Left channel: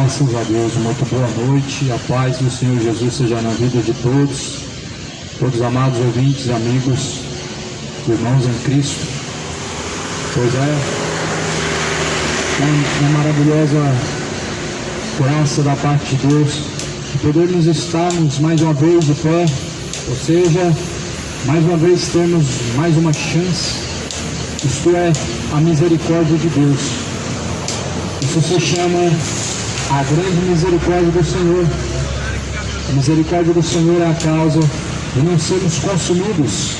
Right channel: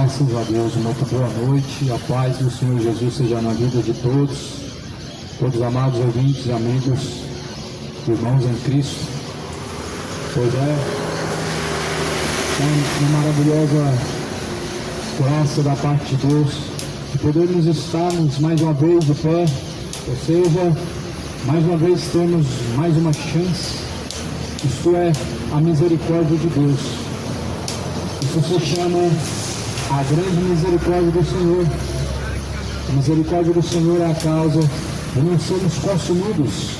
Graças a Deus, muito boa noite, a paz do Senhor Jesus seja na vida de todos amados ouvintes, amigos, irmãos em Cristo. Pois é, uma maravilhosa graça da parte de Deus, de podermos estarmos mais uma vez de pé, ou seja, mais uma vez termos mais uma chance, isto é, a misericórdia de Deus. Isso se chama a grande misericórdia do Senhor. A misericórdia do Senhor é a causa de não sermos consumidos,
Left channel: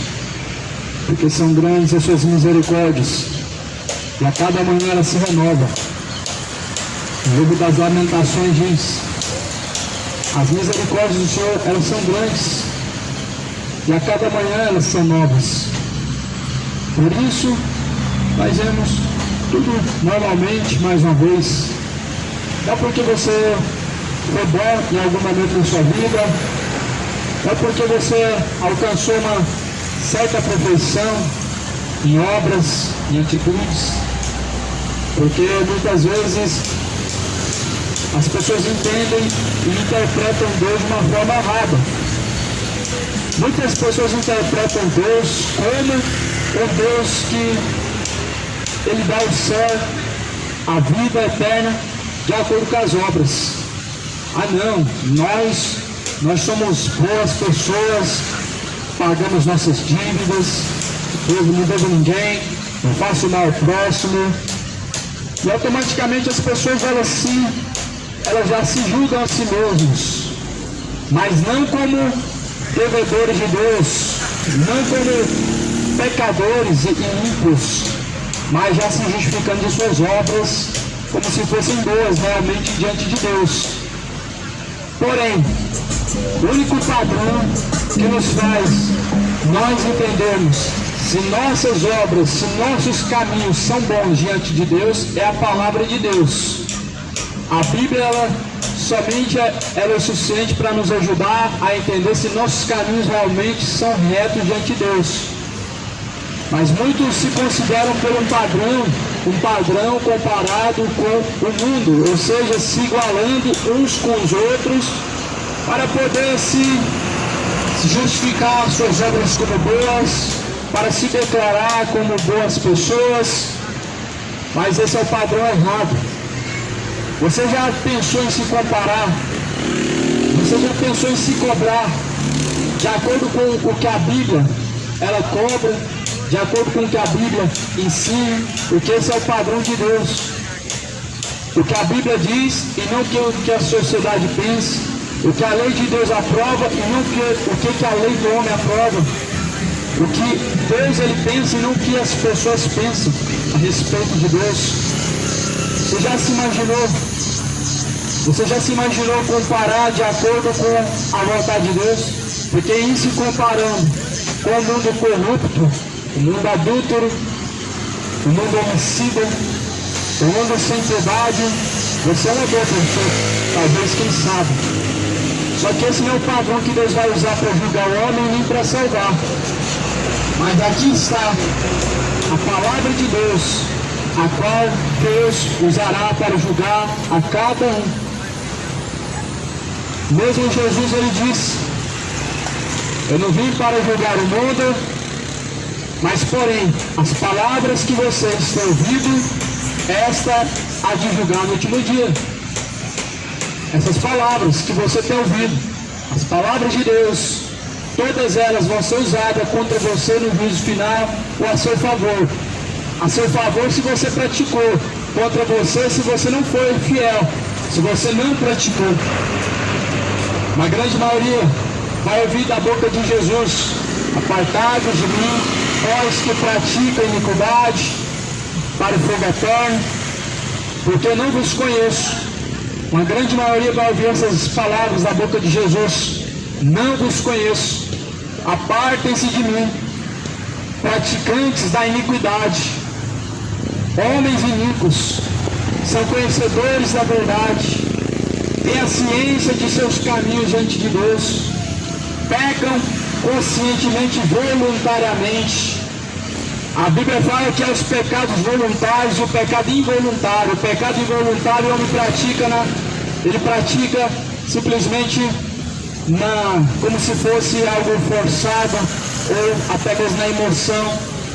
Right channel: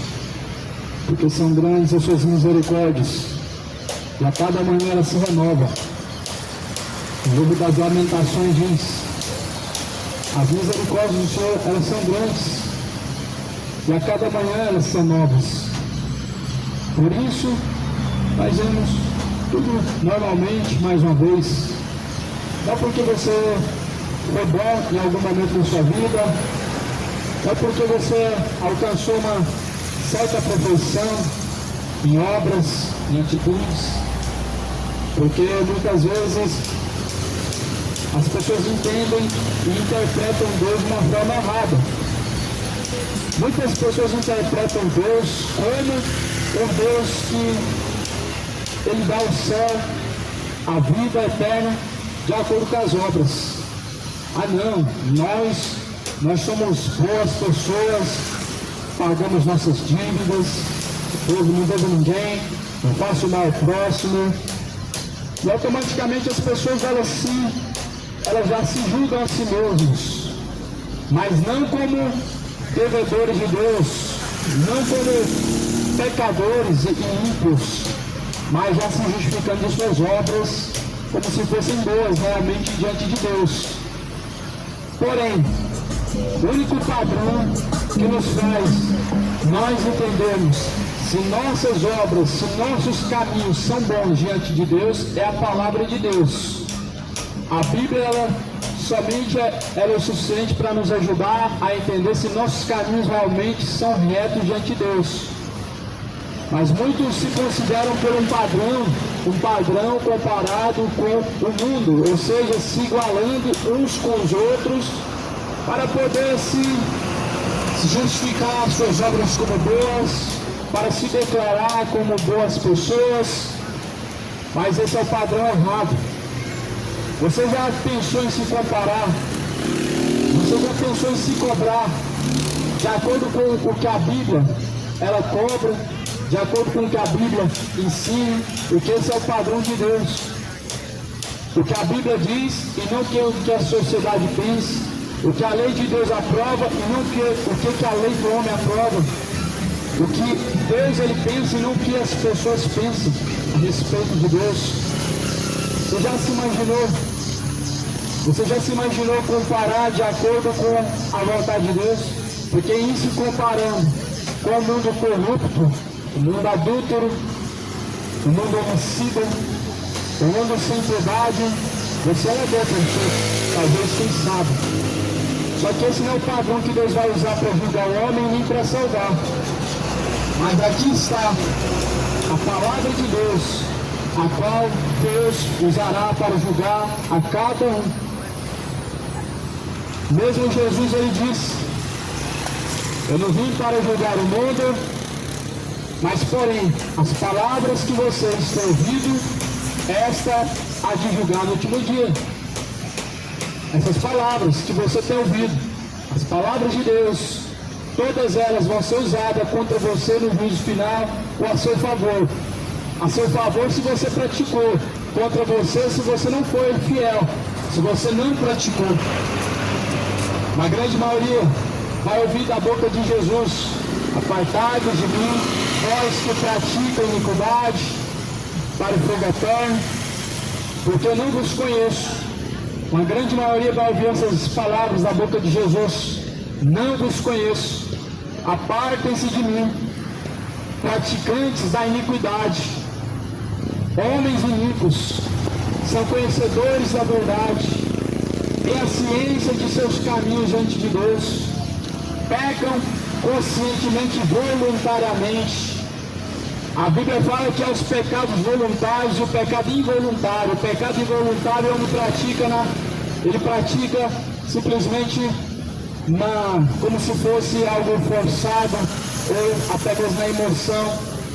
porque são grandes as suas misericórdias, e a cada manhã ela se renova. O livro das Lamentações diz: as misericórdias do Senhor, elas são grandes, e a cada manhã elas são novas. Por isso, fazemos tudo normalmente, mais uma vez. Não porque você foi bom em algum momento da sua vida, não porque você alcançou uma certa perfeição em obras, em atitudes, porque muitas vezes as pessoas entendem e interpretam Deus de uma forma errada. Muitas pessoas interpretam Deus como o Deus que Ele dá o céu, a vida eterna, de acordo com as obras. Ah não, nós somos boas pessoas, pagamos nossas dívidas, eu não devo ninguém, não faço mal ao próximo, e automaticamente as pessoas elas já se julgam a si mesmos, mas não como devedores de Deus, não como pecadores e ímpios, mas já se justificando de suas obras como se fossem boas realmente diante de Deus. Porém, o único padrão que nos faz nós entendermos se nossas obras, se nossos caminhos são bons diante de Deus, é a palavra de Deus. A Bíblia, somente ela é suficiente para nos ajudar a entender se nossos caminhos realmente são retos diante de Deus. Mas muitos se consideram por um padrão comparado com o mundo, ou seja, se igualando uns com os outros, para poder se justificar as suas obras como boas, para se declarar como boas pessoas. Mas esse é o padrão errado. Você já pensou em se comparar? Você já pensou em se cobrar de acordo com o que a Bíblia ela cobra? De acordo com o que a Bíblia ensina, porque esse é o padrão de Deus. O que a Bíblia diz e não o que a sociedade pensa, o que a lei de Deus aprova e não o que a lei do homem aprova, o que Deus ele pensa e não o que as pessoas pensam a respeito de Deus. Você já se imaginou comparar de acordo com a vontade de Deus? Porque em se comparando com o mundo corrupto, o mundo adúltero, o mundo homicida, o mundo sem piedade, você é uma boa pessoa, talvez, quem sabe. Só que esse não é o padrão que Deus vai usar para julgar o homem nem para salvar. Mas aqui está a palavra de Deus, a qual Deus usará para julgar a cada um. Mesmo Jesus ele disse: eu não vim para julgar o mundo, mas porém, as palavras que vocês têm ouvido, esta há de julgar no último dia. Essas palavras que você tem ouvido, as palavras de Deus, todas elas vão ser usadas contra você no juízo final ou a seu favor. A seu favor se você praticou, contra você se você não foi fiel, se você não praticou. Uma grande maioria vai ouvir da boca de Jesus: apartai-vos de mim, vós que praticam iniquidade, para o fogo eterno, porque eu não vos conheço. Uma grande maioria vai ouvir essas palavras da boca de Jesus: não vos conheço, apartem-se de mim, praticantes da iniquidade, homens iníquos, são conhecedores da verdade, têm a ciência de seus caminhos diante de Deus, pecam conscientemente, voluntariamente. A Bíblia fala que é os pecados voluntários e o pecado involuntário. O pecado involuntário o homem pratica ele pratica simplesmente como se fosse algo forçado, ou até mesmo na emoção,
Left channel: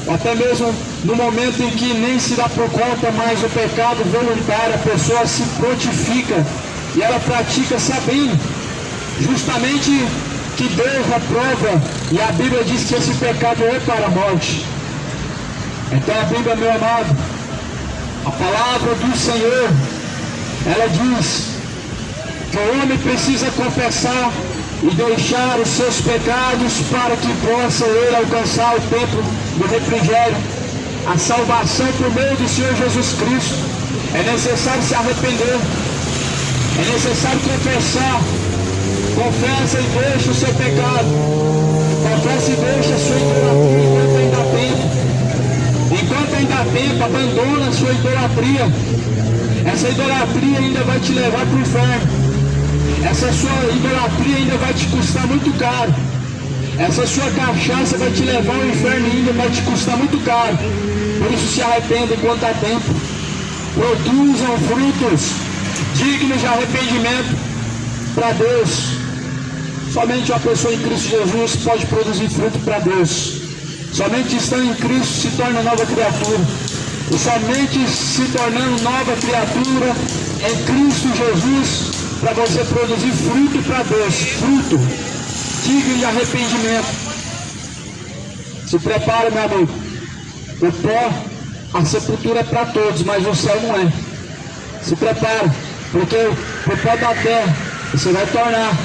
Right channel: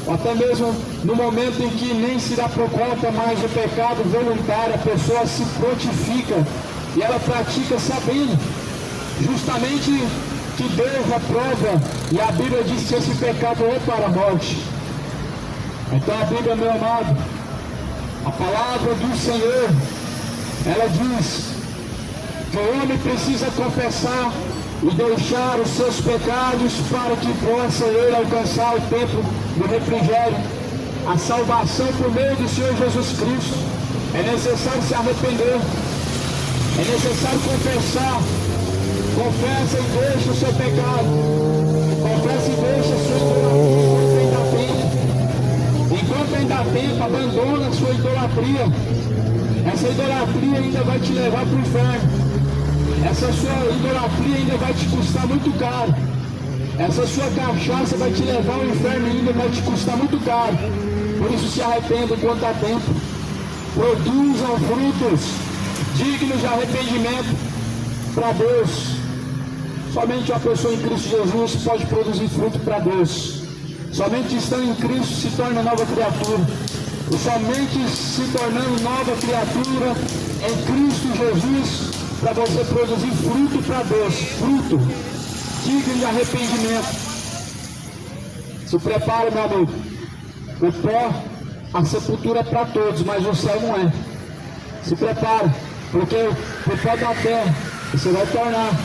ou até mesmo no momento em que nem se dá por conta mais o pecado voluntário, a pessoa se prontifica e ela pratica sabendo justamente que Deus aprova, e a Bíblia diz que esse pecado é para a morte. Então a Bíblia, meu amado, a palavra do Senhor, ela diz que o homem precisa confessar e deixar os seus pecados para que possa ele alcançar o tempo do refrigério, a salvação por meio do Senhor Jesus Cristo. É necessário se arrepender, é necessário confessar. Confessa e deixa o seu pecado, confessa e deixa a sua idolatria enquanto ainda há tempo, abandona a sua idolatria. Essa idolatria ainda vai te levar para o inferno. Essa sua idolatria ainda vai te custar muito caro. Essa sua cachaça vai te levar ao inferno e ainda vai te custar muito caro. Por isso se arrependa enquanto há tempo. Produzam frutos dignos de arrependimento para Deus. Somente uma pessoa em Cristo Jesus pode produzir fruto para Deus. Somente estando em Cristo se torna nova criatura. E somente se tornando nova criatura em Cristo Jesus, para você produzir fruto para Deus, fruto digno de arrependimento. Se prepara, meu amigo. O pó, a sepultura é para todos, mas o céu não é. Se prepara, porque o pó da terra você vai tornar.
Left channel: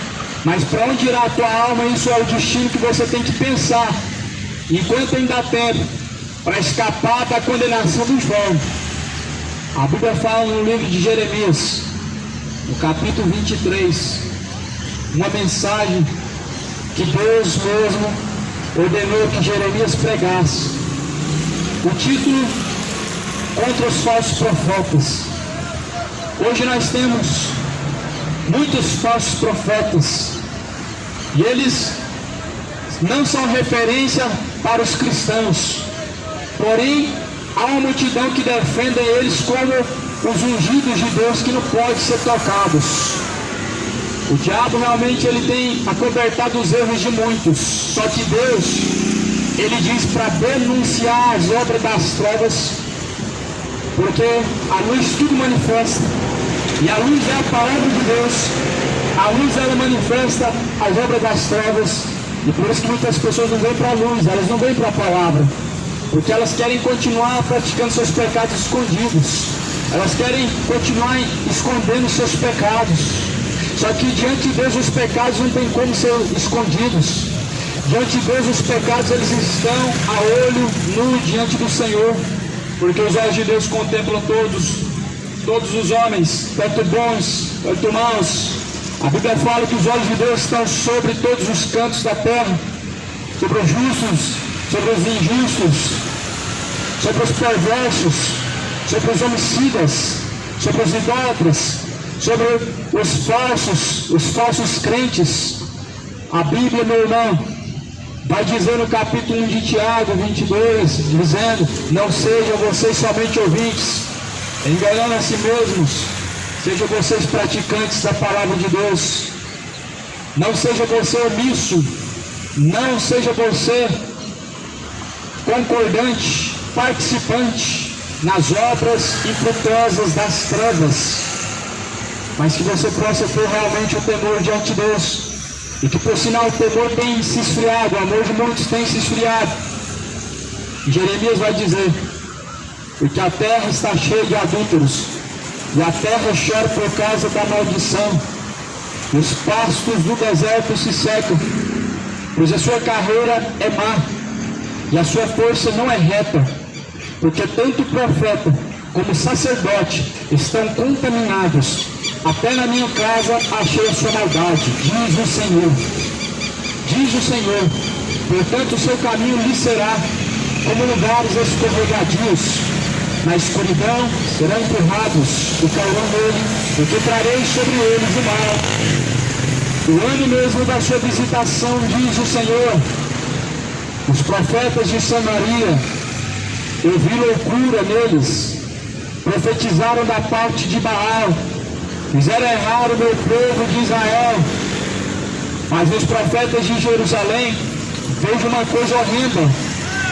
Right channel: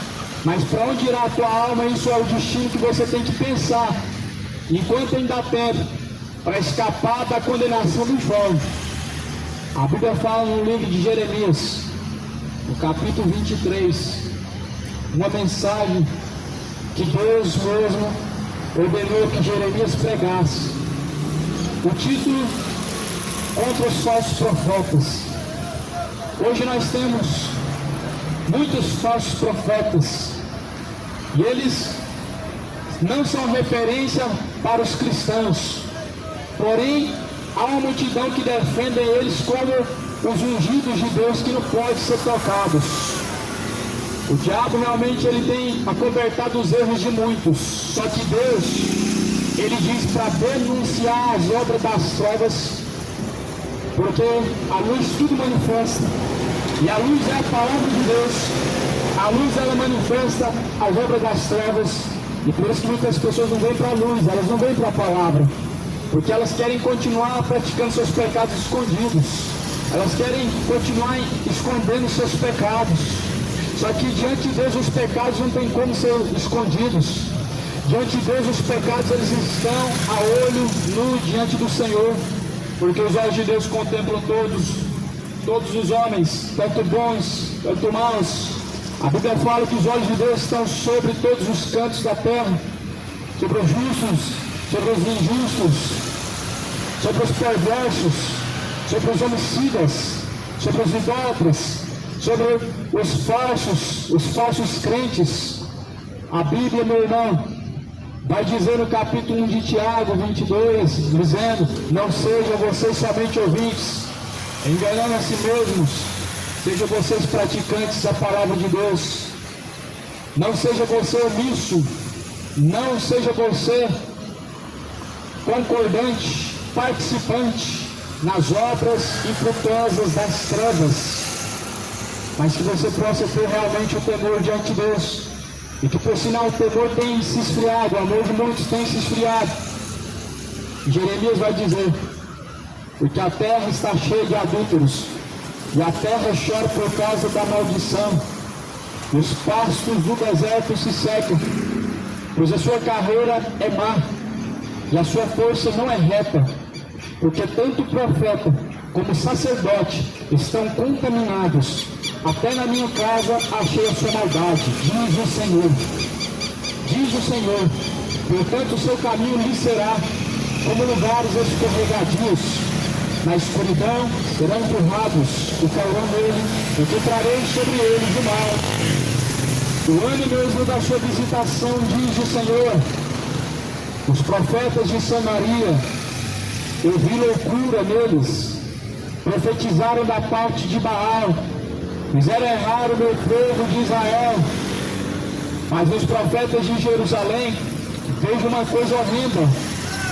Mas para onde irá a tua alma, isso é o destino que você tem que pensar, enquanto ainda há tempo, para escapar da condenação dos vãos. A Bíblia fala no livro de Jeremias, no capítulo 23, uma mensagem que Deus mesmo ordenou que Jeremias pregasse. O título: contra os falsos profetas. Hoje nós temos muitos falsos profetas, e eles não são referência para os cristãos, porém há uma multidão que defende eles como os ungidos de Deus que não podem ser tocados. O diabo realmente ele tem acobertado os erros de muitos, só que Deus, ele diz para denunciar as obras das trevas, porque a luz tudo manifesta, e a luz é a palavra de Deus. A luz ela manifesta as obras das trevas, e por isso que muitas pessoas não vêm para a luz, elas não vêm para a palavra, porque elas querem continuar praticando seus pecados escondidos, elas querem continuar escondendo seus pecados. Só que diante de Deus os pecados não tem como ser escondidos. Diante de Deus os pecados eles estão a olho nu diante do Senhor, porque os olhos de Deus contemplam todos os homens, tanto bons quanto maus. A Bíblia fala que os olhos de Deus estão sobre todos os cantos da terra, sobre os justos, sobre os injustos, sobre os perversos, sobre os homicidas, sobre os idólatras, sobre os falsos crentes. A Bíblia, meu irmão, vai dizer no capítulo 1 de Tiago 22, dizendo: não sejam vocês somente ouvintes, enganando a si mesmos, sejam vocês praticantes da palavra de Deus. Não seja você omisso, não seja você concordante, participante nas obras infrutuosas das trevas, mas que você possa ter realmente o temor diante de Deus, e que por sinal o temor tem se esfriado, o amor de muitos tem se esfriado. Jeremias vai dizer: porque a terra está cheia de adúlteros, e a terra chora por causa da maldição, e os pastos do deserto se secam, pois a sua carreira é má, e a sua força não é reta, porque tanto o profeta como o sacerdote estão contaminados. Até na minha casa achei a sua maldade, diz o Senhor. Diz o Senhor: portanto o seu caminho lhe será como lugares escorregadios, na escuridão serão empurrados e cairão nele, porque trarei sobre eles o mal. O ano mesmo da sua visitação, diz o Senhor, os profetas de Samaria, eu vi loucura neles, profetizaram da parte de Baal, fizeram errar o meu povo de Israel. Mas os profetas de Jerusalém, vejo uma coisa horrenda:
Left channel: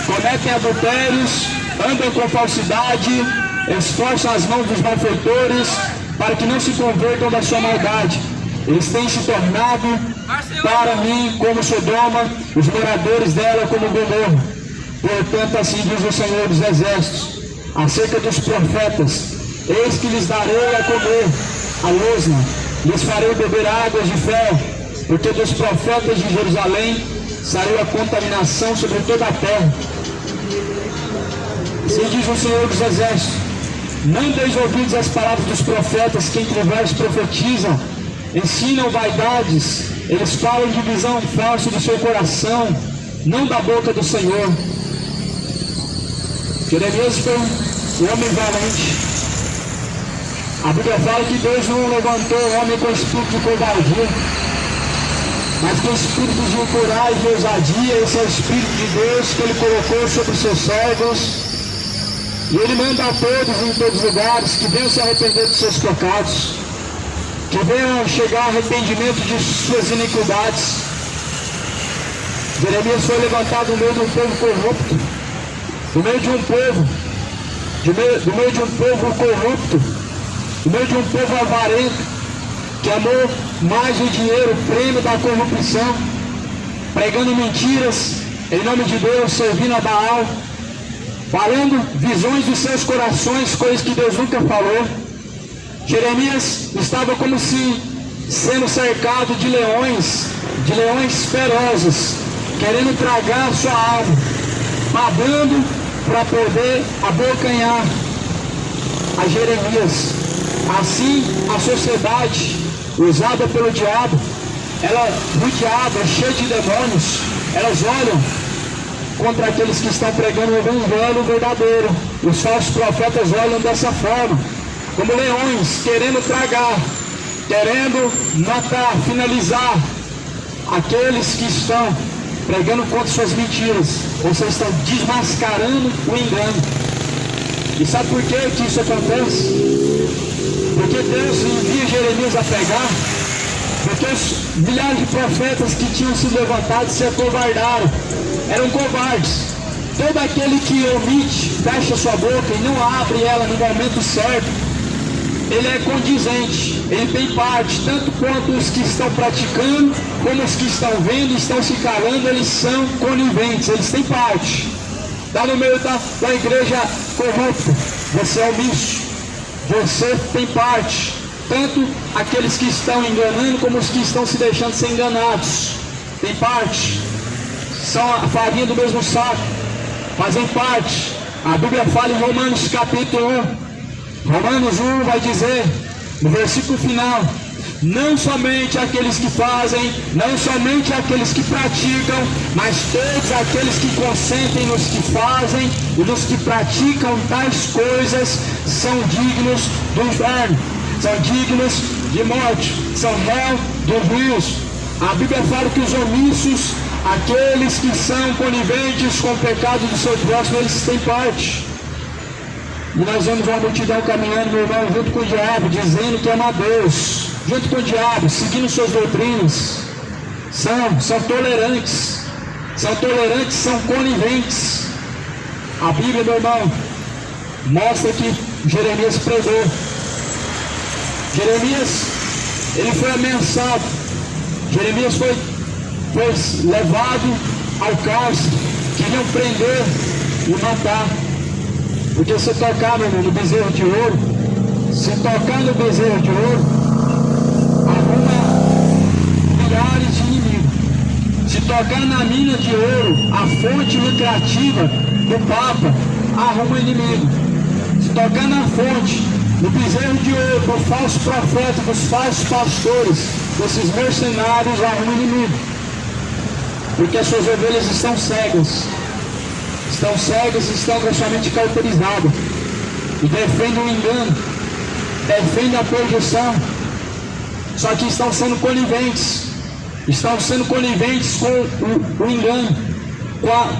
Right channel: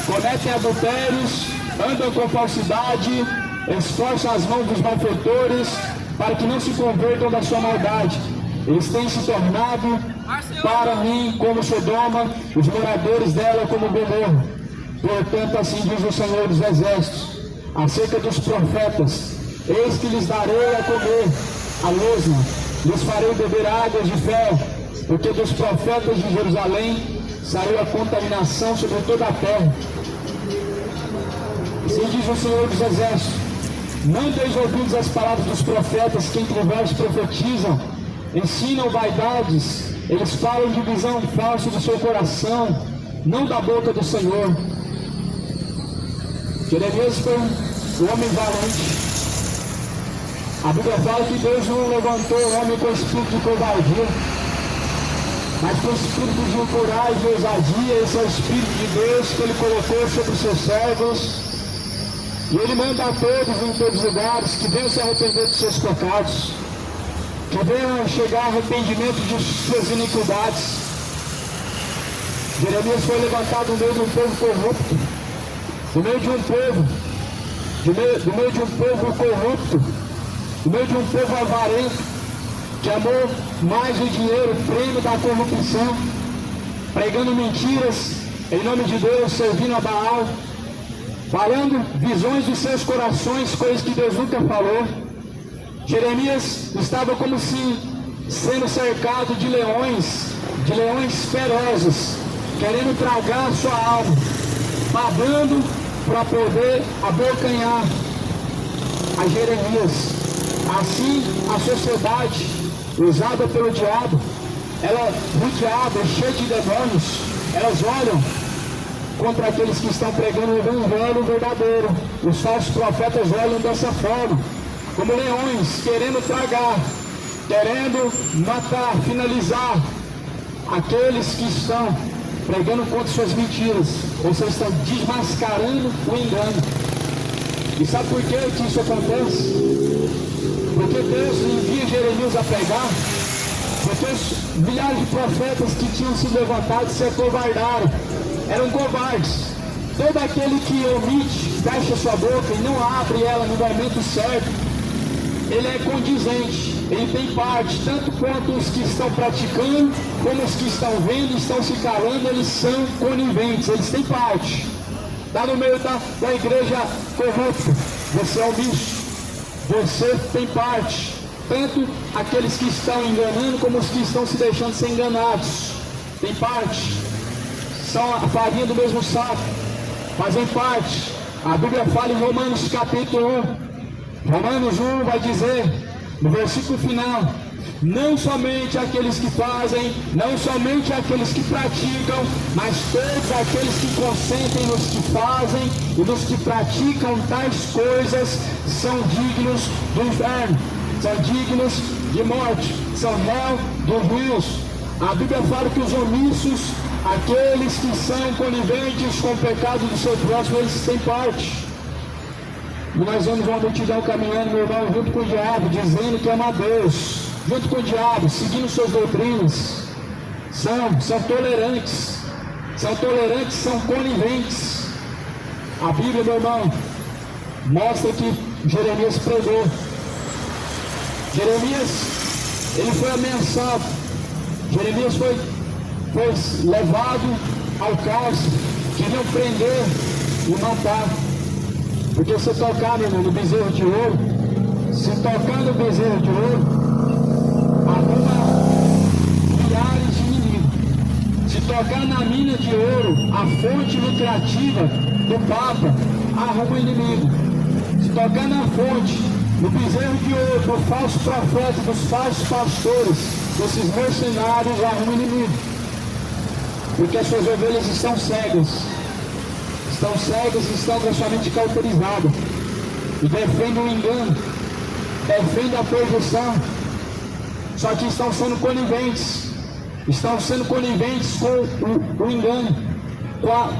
cometem adultérios, andam com falsidade, esforçam as mãos dos malfeitores para que não se convertam da sua maldade. Eles têm se tornado para mim como Sodoma, os moradores dela como Gomorra. Portanto, assim diz o Senhor dos Exércitos acerca dos profetas: eis que lhes darei a comer a losna, lhes farei beber águas de fel, porque dos profetas de Jerusalém saiu a contaminação sobre toda a terra. Assim diz o Senhor dos Exércitos: não deis ouvidos às palavras dos profetas, que entre vós profetizam, ensinam vaidades, eles falam de visão falsa do seu coração, não da boca do Senhor. Jeremias foi um homem valente. A Bíblia fala que Deus não levantou o homem com espírito de covardia, mas com espírito de coragem e ousadia. Esse é o Espírito de Deus que Ele colocou sobre os seus servos. E Ele manda a todos em todos os lugares que venham se arrepender dos seus pecados, que venham chegar a arrependimento de suas iniquidades. Jeremias foi levantado no meio de um povo corrupto, no meio de um povo, do meio de um povo corrupto, no meio de um povo avarento, que amou mais o dinheiro, o prêmio da corrupção, pregando mentiras em nome de Deus, servindo a Baal, falando visões dos seus corações, coisas que Deus nunca falou. Jeremias estava como se sendo cercado de leões ferozes, querendo tragar sua alma, babando para poder abocanhar a Jeremias. Assim, a sociedade usada pelo diabo, o diabo é cheio de demônios, elas olham contra aqueles que estão pregando o evangelho verdadeiro. Os falsos profetas olham dessa forma, como leões, querendo tragar, querendo matar, finalizar aqueles que estão pregando contra suas mentiras. Vocês estão desmascarando o engano. E sabe por que isso acontece? Porque Deus envia Jeremias a pregar, porque os milhares de profetas que tinham se levantado se acovardaram, eram covardes. Todo aquele que omite, fecha sua boca e não abre ela no momento certo, ele é condizente, ele tem parte, tanto quanto os que estão praticando, como os que estão vendo e estão se calando, eles são coniventes, eles têm parte. Está no meio da igreja corrupta, você é omisso, você tem parte, tanto aqueles que estão enganando, como os que estão se deixando ser enganados, tem parte, são a farinha do mesmo saco, fazem parte. A Bíblia fala em Romanos capítulo 1, Romanos 1 vai dizer, no versículo final: não somente aqueles que fazem, não somente aqueles que praticam, mas todos aqueles que consentem nos que fazem e nos que praticam tais coisas são dignos do inferno, são dignos de morte, são réu dos juízos. A Bíblia fala que os omissos, aqueles que são coniventes com o pecado do seu próximo, eles têm parte. E nós vemos uma multidão caminhando, meu irmão, junto com o diabo, dizendo que ama a Deus, junto com o diabo, seguindo suas doutrinas. São tolerantes, são coniventes. A Bíblia, meu irmão, mostra que Jeremias pregou. Jeremias, ele foi ameaçado. Jeremias foi levado ao cárcere, queriam prender e matar. Porque se tocar, meu irmão, no bezerro de ouro, se tocar no bezerro de ouro, arruma milhares de inimigos. Se tocar na mina de ouro, a fonte lucrativa do Papa, arruma inimigo. Se tocar na fonte, no bezerro de ouro, do falso profeta, dos falsos pastores, desses mercenários, arruma inimigo. Porque as suas ovelhas estão cegas, estão totalmente cauterizadas, e defendem o engano, defendem a perdição. Só que estão sendo coniventes com o engano,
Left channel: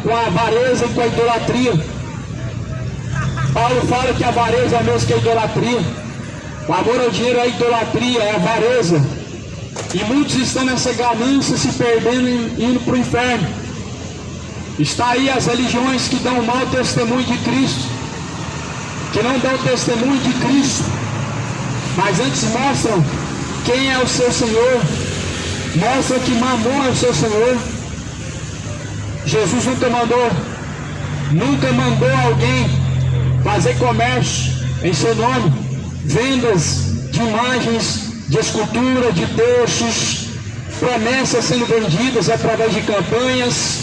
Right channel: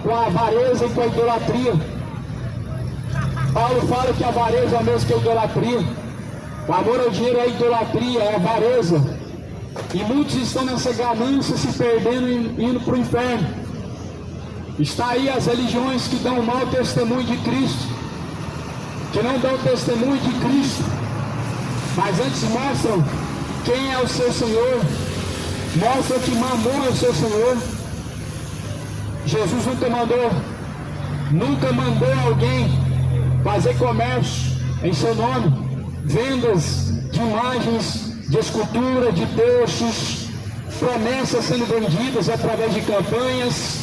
com a avareza e com a idolatria. Paulo fala que a avareza é a mesma que a idolatria. O amor ao dinheiro é a idolatria, é a avareza. E muitos estão nessa ganância, se perdendo e indo para o inferno. Está aí as religiões que dão mau testemunho de Cristo, que não dão testemunho de Cristo, mas antes mostram quem é o seu Senhor, mostram que Mamon é o seu Senhor. Jesus nunca mandou alguém fazer comércio em seu nome, vendas de imagens, de escultura, de textos, promessas sendo vendidas através de campanhas,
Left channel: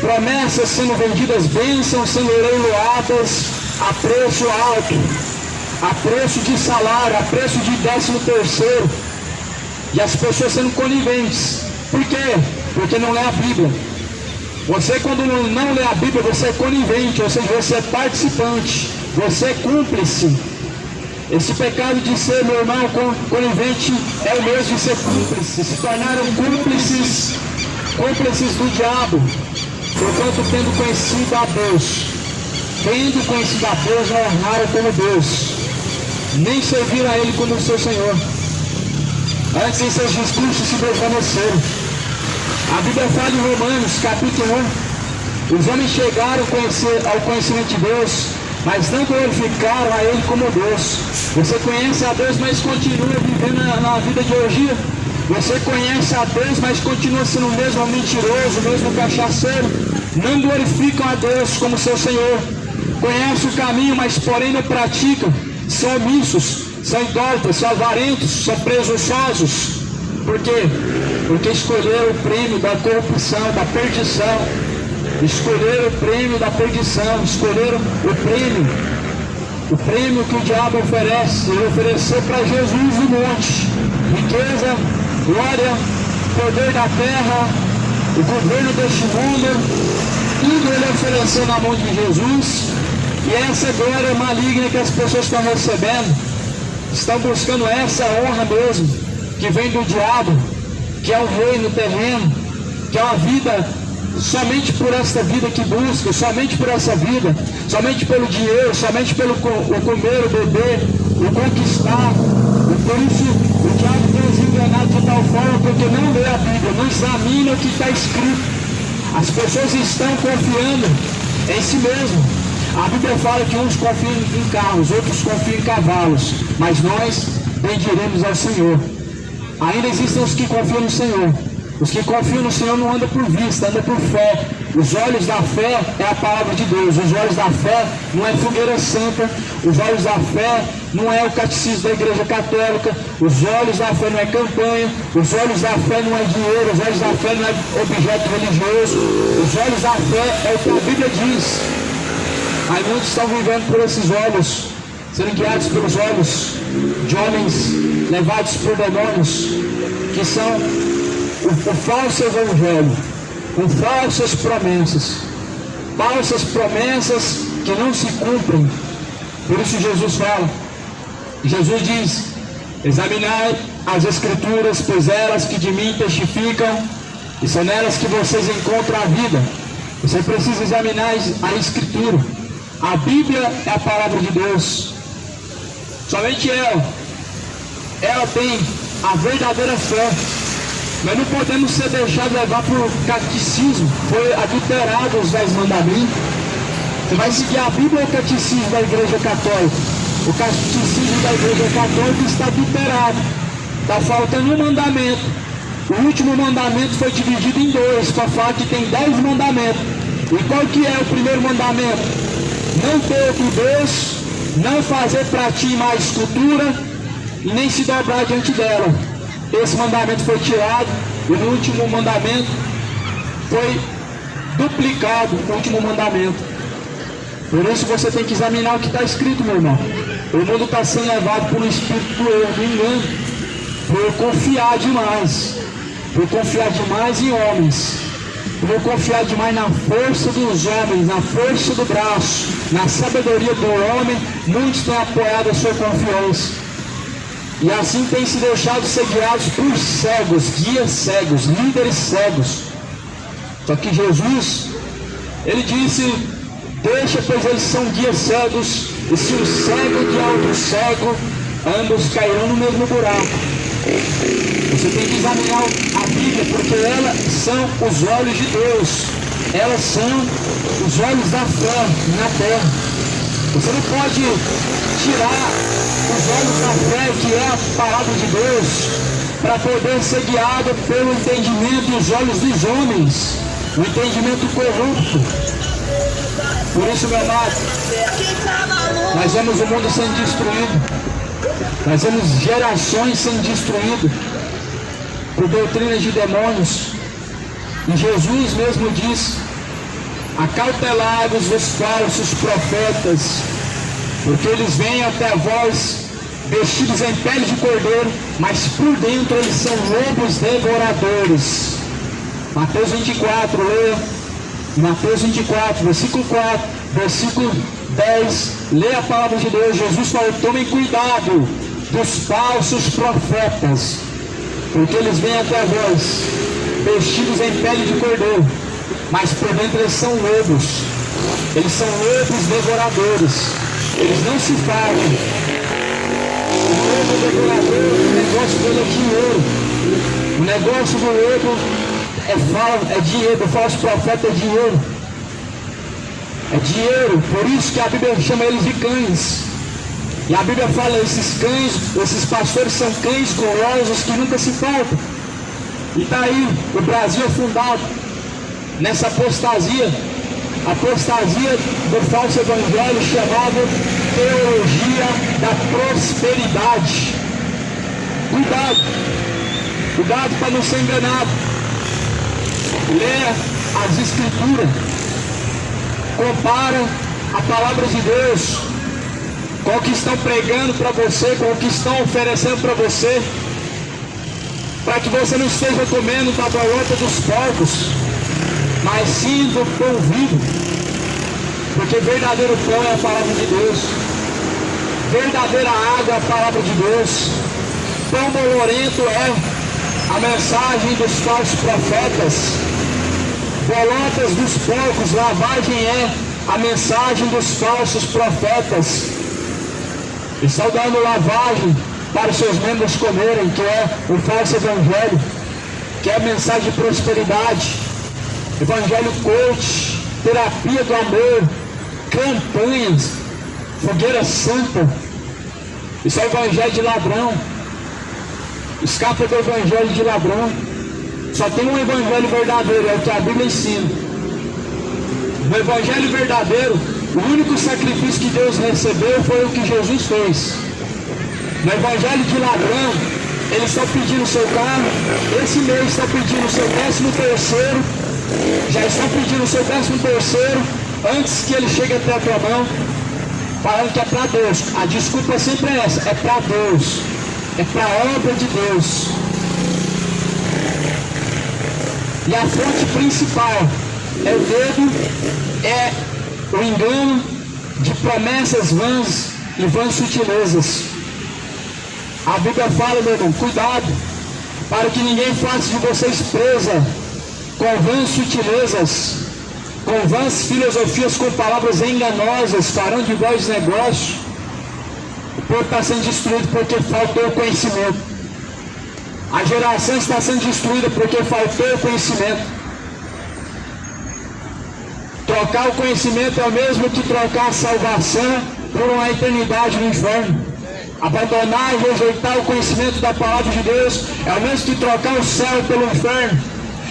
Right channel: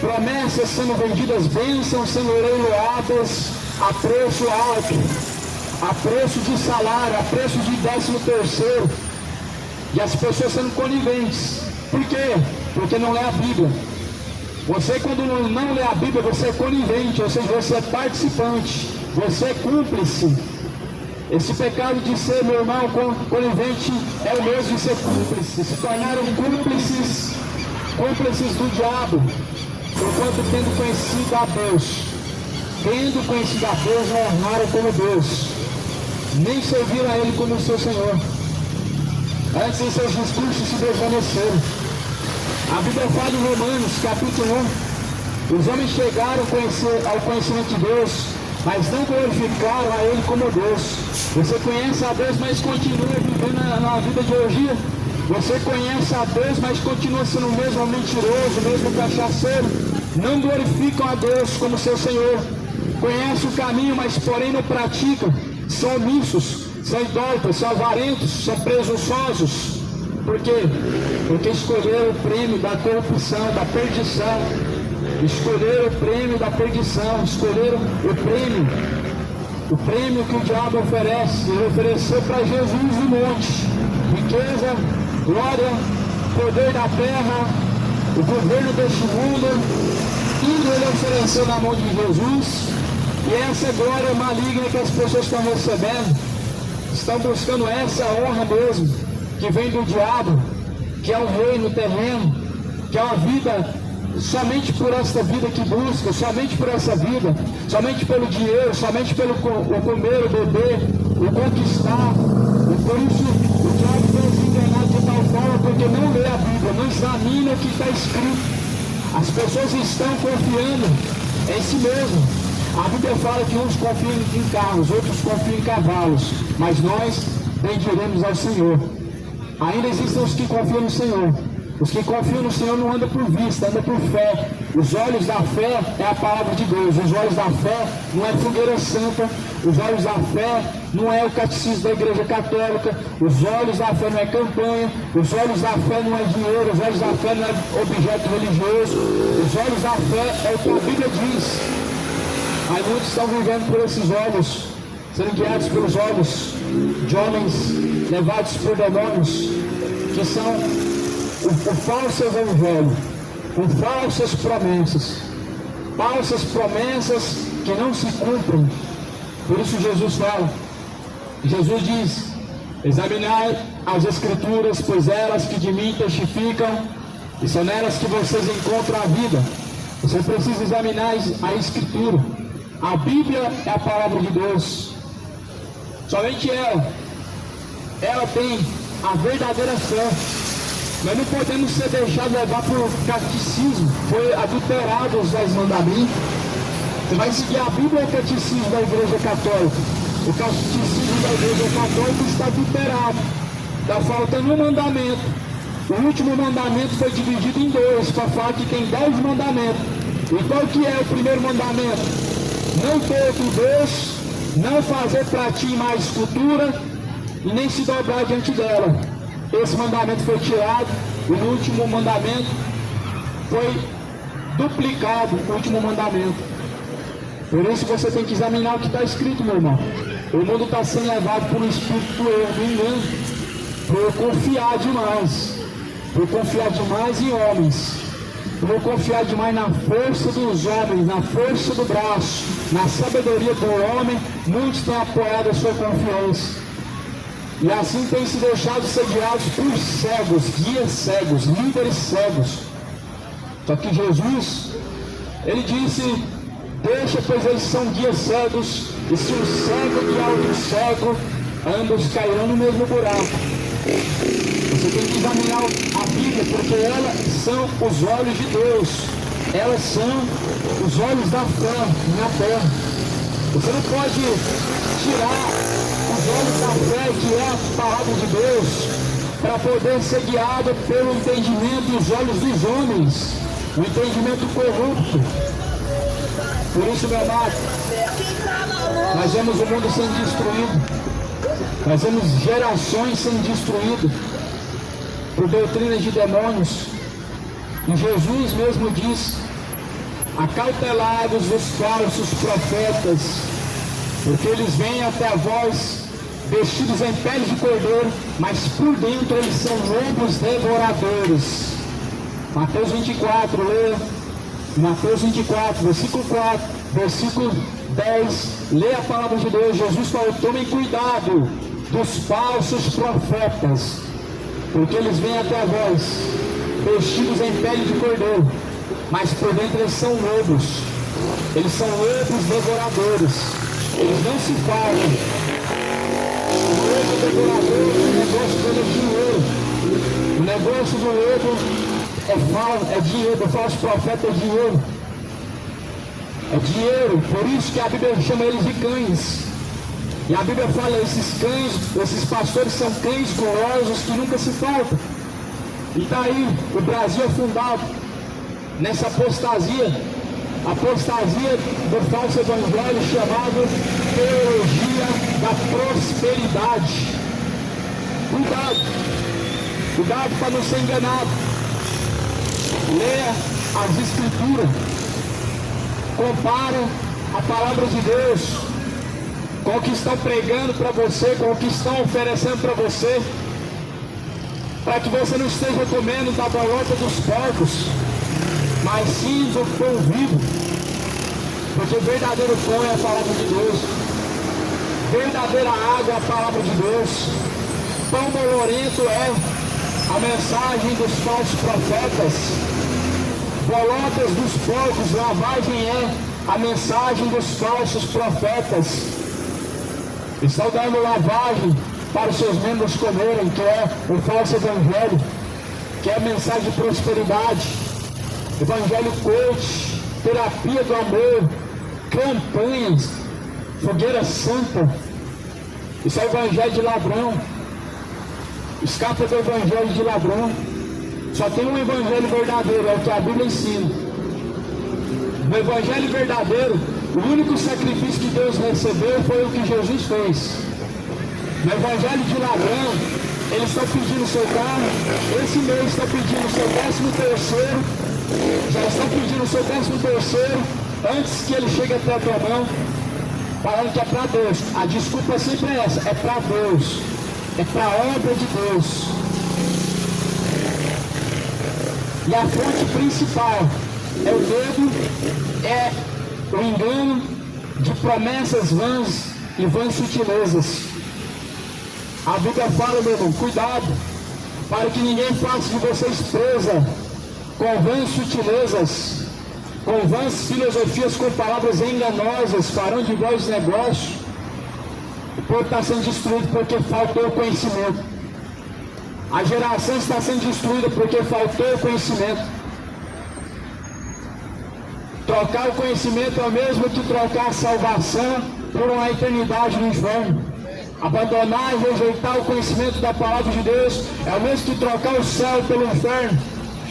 promessas sendo vendidas, bênçãos sendo leiloadas a preço alto, a preço de salário, a preço de 13º, e as pessoas sendo coniventes. Por quê? Porque não lê a Bíblia. Você, quando não lê a Bíblia, você é conivente, ou seja, você é participante, você é cúmplice. Esse pecado de ser, meu irmão, conivente é o mesmo de ser cúmplice. Se tornaram cúmplices do diabo, porquanto tendo conhecido a Deus, não honraram como Deus, nem serviram a Ele como seu Senhor. Antes em seus discursos se desvaneceram. A Bíblia fala em Romanos, capítulo 1, os homens chegaram ao conhecimento de Deus, mas não glorificaram a Ele como Deus. Você conhece a Deus, mas continua vivendo na vida de orgia. Você conhece a Deus, mas continua sendo o mesmo mentiroso, o mesmo cachaceiro. Não glorificam a Deus como seu Senhor. Conhece o caminho, mas porém não praticam. São omissos, são idólatras, são avarentos, são presunçosos. Por quê? Porque escolheram o prêmio da corrupção, da perdição. Escolheram o prêmio da perdição, escolheram o prêmio que o diabo oferece. Ele ofereceu para Jesus no monte: riqueza, glória, poder da terra, o governo deste mundo. Tudo ele ofereceu na mão de Jesus. E essa glória maligna que as pessoas estão recebendo, estão buscando essa honra mesmo, que vem do diabo, que é um reino terreno, que é uma vida somente por esta vida que busca, somente por essa vida, somente pelo dinheiro, somente pelo o comer, o beber, o conquistar. E por isso o diabo tem nos enganado de tal forma, porque não lê a Bíblia, não examina o que está escrito. As pessoas estão confiando em si mesmo. A Bíblia fala que uns confiam em carros, outros confiam em cavalos, mas nós bendiremos ao Senhor. Ainda existem os que confiam no Senhor. Os que confiam no Senhor não andam por vista, andam por fé. Os olhos da fé é a palavra de Deus. Os olhos da fé não é fogueira santa. Os olhos da fé não é o catecismo da Igreja Católica. Os olhos da fé não é campanha. Os olhos da fé não é dinheiro. Os olhos da fé não é objeto religioso. Os olhos da fé é o que a Bíblia diz. Aí muitos estão vivendo por esses olhos, sendo guiados pelos olhos de homens levados por demônios, que são o falso evangelho, com falsas promessas que não se cumprem. Por isso Jesus diz: examinai as Escrituras, pois elas que de mim testificam, e são nelas que vocês encontram a vida. Você precisa examinar a Escritura. A Bíblia é a palavra de Deus. Somente ela tem a verdadeira fé. Nós não podemos ser deixados levar por catecismo. Foi adulterado os 10 mandamentos. Você vai seguir a Bíblia ou o catecismo da Igreja Católica? O catecismo da Igreja Católica está adulterado. Está faltando um mandamento. O último mandamento foi dividido em 2, para falar que tem 10 mandamentos. E qual que é o primeiro mandamento? Não ter outro Deus, não fazer para ti mais escultura e nem se dobrar diante dela. Esse mandamento foi tirado e no último mandamento foi duplicado o último mandamento. Por isso você tem que examinar o que está escrito, meu irmão. O mundo está sendo levado por um espírito do erro, do engano, por confiar demais em homens, por confiar demais na força dos homens, na força do braço, na sabedoria do homem. Muitos têm apoiado a sua confiança. E assim tem se deixado ser guiados por cegos, guias cegos, líderes cegos. Só que Jesus, ele disse: deixa, pois eles são guias cegos, e se um cego guiar outro cego, ambos cairão no mesmo buraco. Você tem que examinar a Bíblia, porque elas são os olhos de Deus. Elas são os olhos da fé na terra. Você não pode tirar os olhos da fé, que é a palavra de Deus, para poder ser guiado pelo entendimento e os olhos dos homens, o entendimento corrupto. Por isso, meu amado, nós vemos o mundo sendo destruído. Nós vemos gerações sendo destruídas por doutrinas de demônios. E Jesus mesmo diz: acautelai-vos dos falsos profetas, porque eles vêm até vós vestidos em pele de cordeiro, mas por dentro eles são lobos devoradores. Mateus 24, leia. Mateus 24, versículo 4, versículo 10, lê a palavra de Deus. Jesus falou: tomem cuidado dos falsos profetas, porque eles vêm até vós vestidos em pele de cordeiro, mas por dentro eles são lobos. Eles são lobos devoradores. Eles não se fartam. O lobo devorador, o negócio dele é dinheiro. O negócio do lobo é dinheiro. O falso profeta é dinheiro. É dinheiro. Por isso que a Bíblia chama eles de cães. E a Bíblia fala: esses cães, esses pastores são cães gulosos que nunca se faltam. E está aí, o Brasil é fundado nessa apostasia do falso evangelho chamado teologia da prosperidade. Cuidado para não ser enganado. Leia as Escrituras, compara a palavra de Deus com o que estão pregando para você, com o que estão oferecendo para você, para que você não esteja comendo da bolota dos porcos, mas sim do pão vivo, porque verdadeiro pão é a palavra de Deus, verdadeira água é a palavra de Deus. Pão bolorento é a mensagem dos falsos profetas, bolotas dos porcos, lavagem é a mensagem dos falsos profetas. Estão dando lavagem para os seus membros comerem, que é o falso evangelho, que é a mensagem de prosperidade, evangelho coach, terapia do amor, campanhas, fogueira santa. Isso é evangelho de ladrão. Escapa do evangelho de ladrão. Só tem um evangelho verdadeiro, é o que a Bíblia ensina. No evangelho verdadeiro, o único sacrifício que Deus recebeu foi o que Jesus fez. No evangelho de ladrão, eles estão pedindo o seu carro, esse mês estão pedindo o seu 13º, já estão pedindo o seu 13º antes que ele chegue até a tua mão, falando que é para Deus. A desculpa sempre é essa: é para Deus, é para a obra de Deus. E a fonte principal é o dedo, é o engano de promessas vãs e vãs sutilezas. A Bíblia fala, meu irmão, cuidado, para que ninguém faça de vocês presa com vãs sutilezas, com vãs filosofias, com palavras enganosas, farão de vós negócio. O povo está sendo destruído porque faltou conhecimento. A geração está sendo destruída porque faltou conhecimento. Trocar o conhecimento é o mesmo que trocar a salvação por uma eternidade no inferno. Abandonar e rejeitar o conhecimento da palavra de Deus é o mesmo que trocar o céu pelo inferno.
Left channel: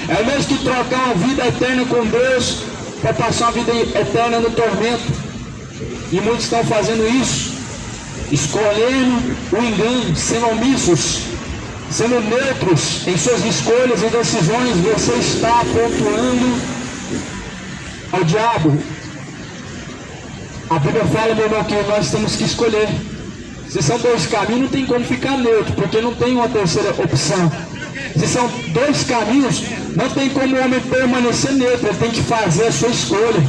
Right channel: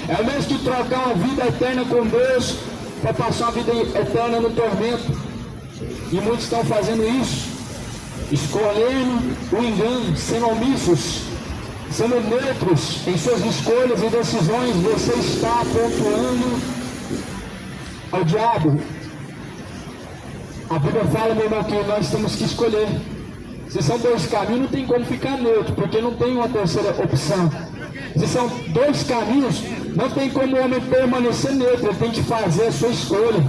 É o mesmo que trocar uma vida eterna com Deus para passar uma vida eterna no tormento. E muitos estão fazendo isso, escolhendo o engano, sendo omissos, sendo neutros em suas escolhas e decisões. Você está pontuando ao diabo. A Bíblia fala, meu irmão, que nós temos que escolher. Se são dois caminhos, não tem como ficar neutro, porque não tem uma terceira opção. Se são dois caminhos, não tem como o homem permanecer neutro, ele tem que fazer a sua escolha.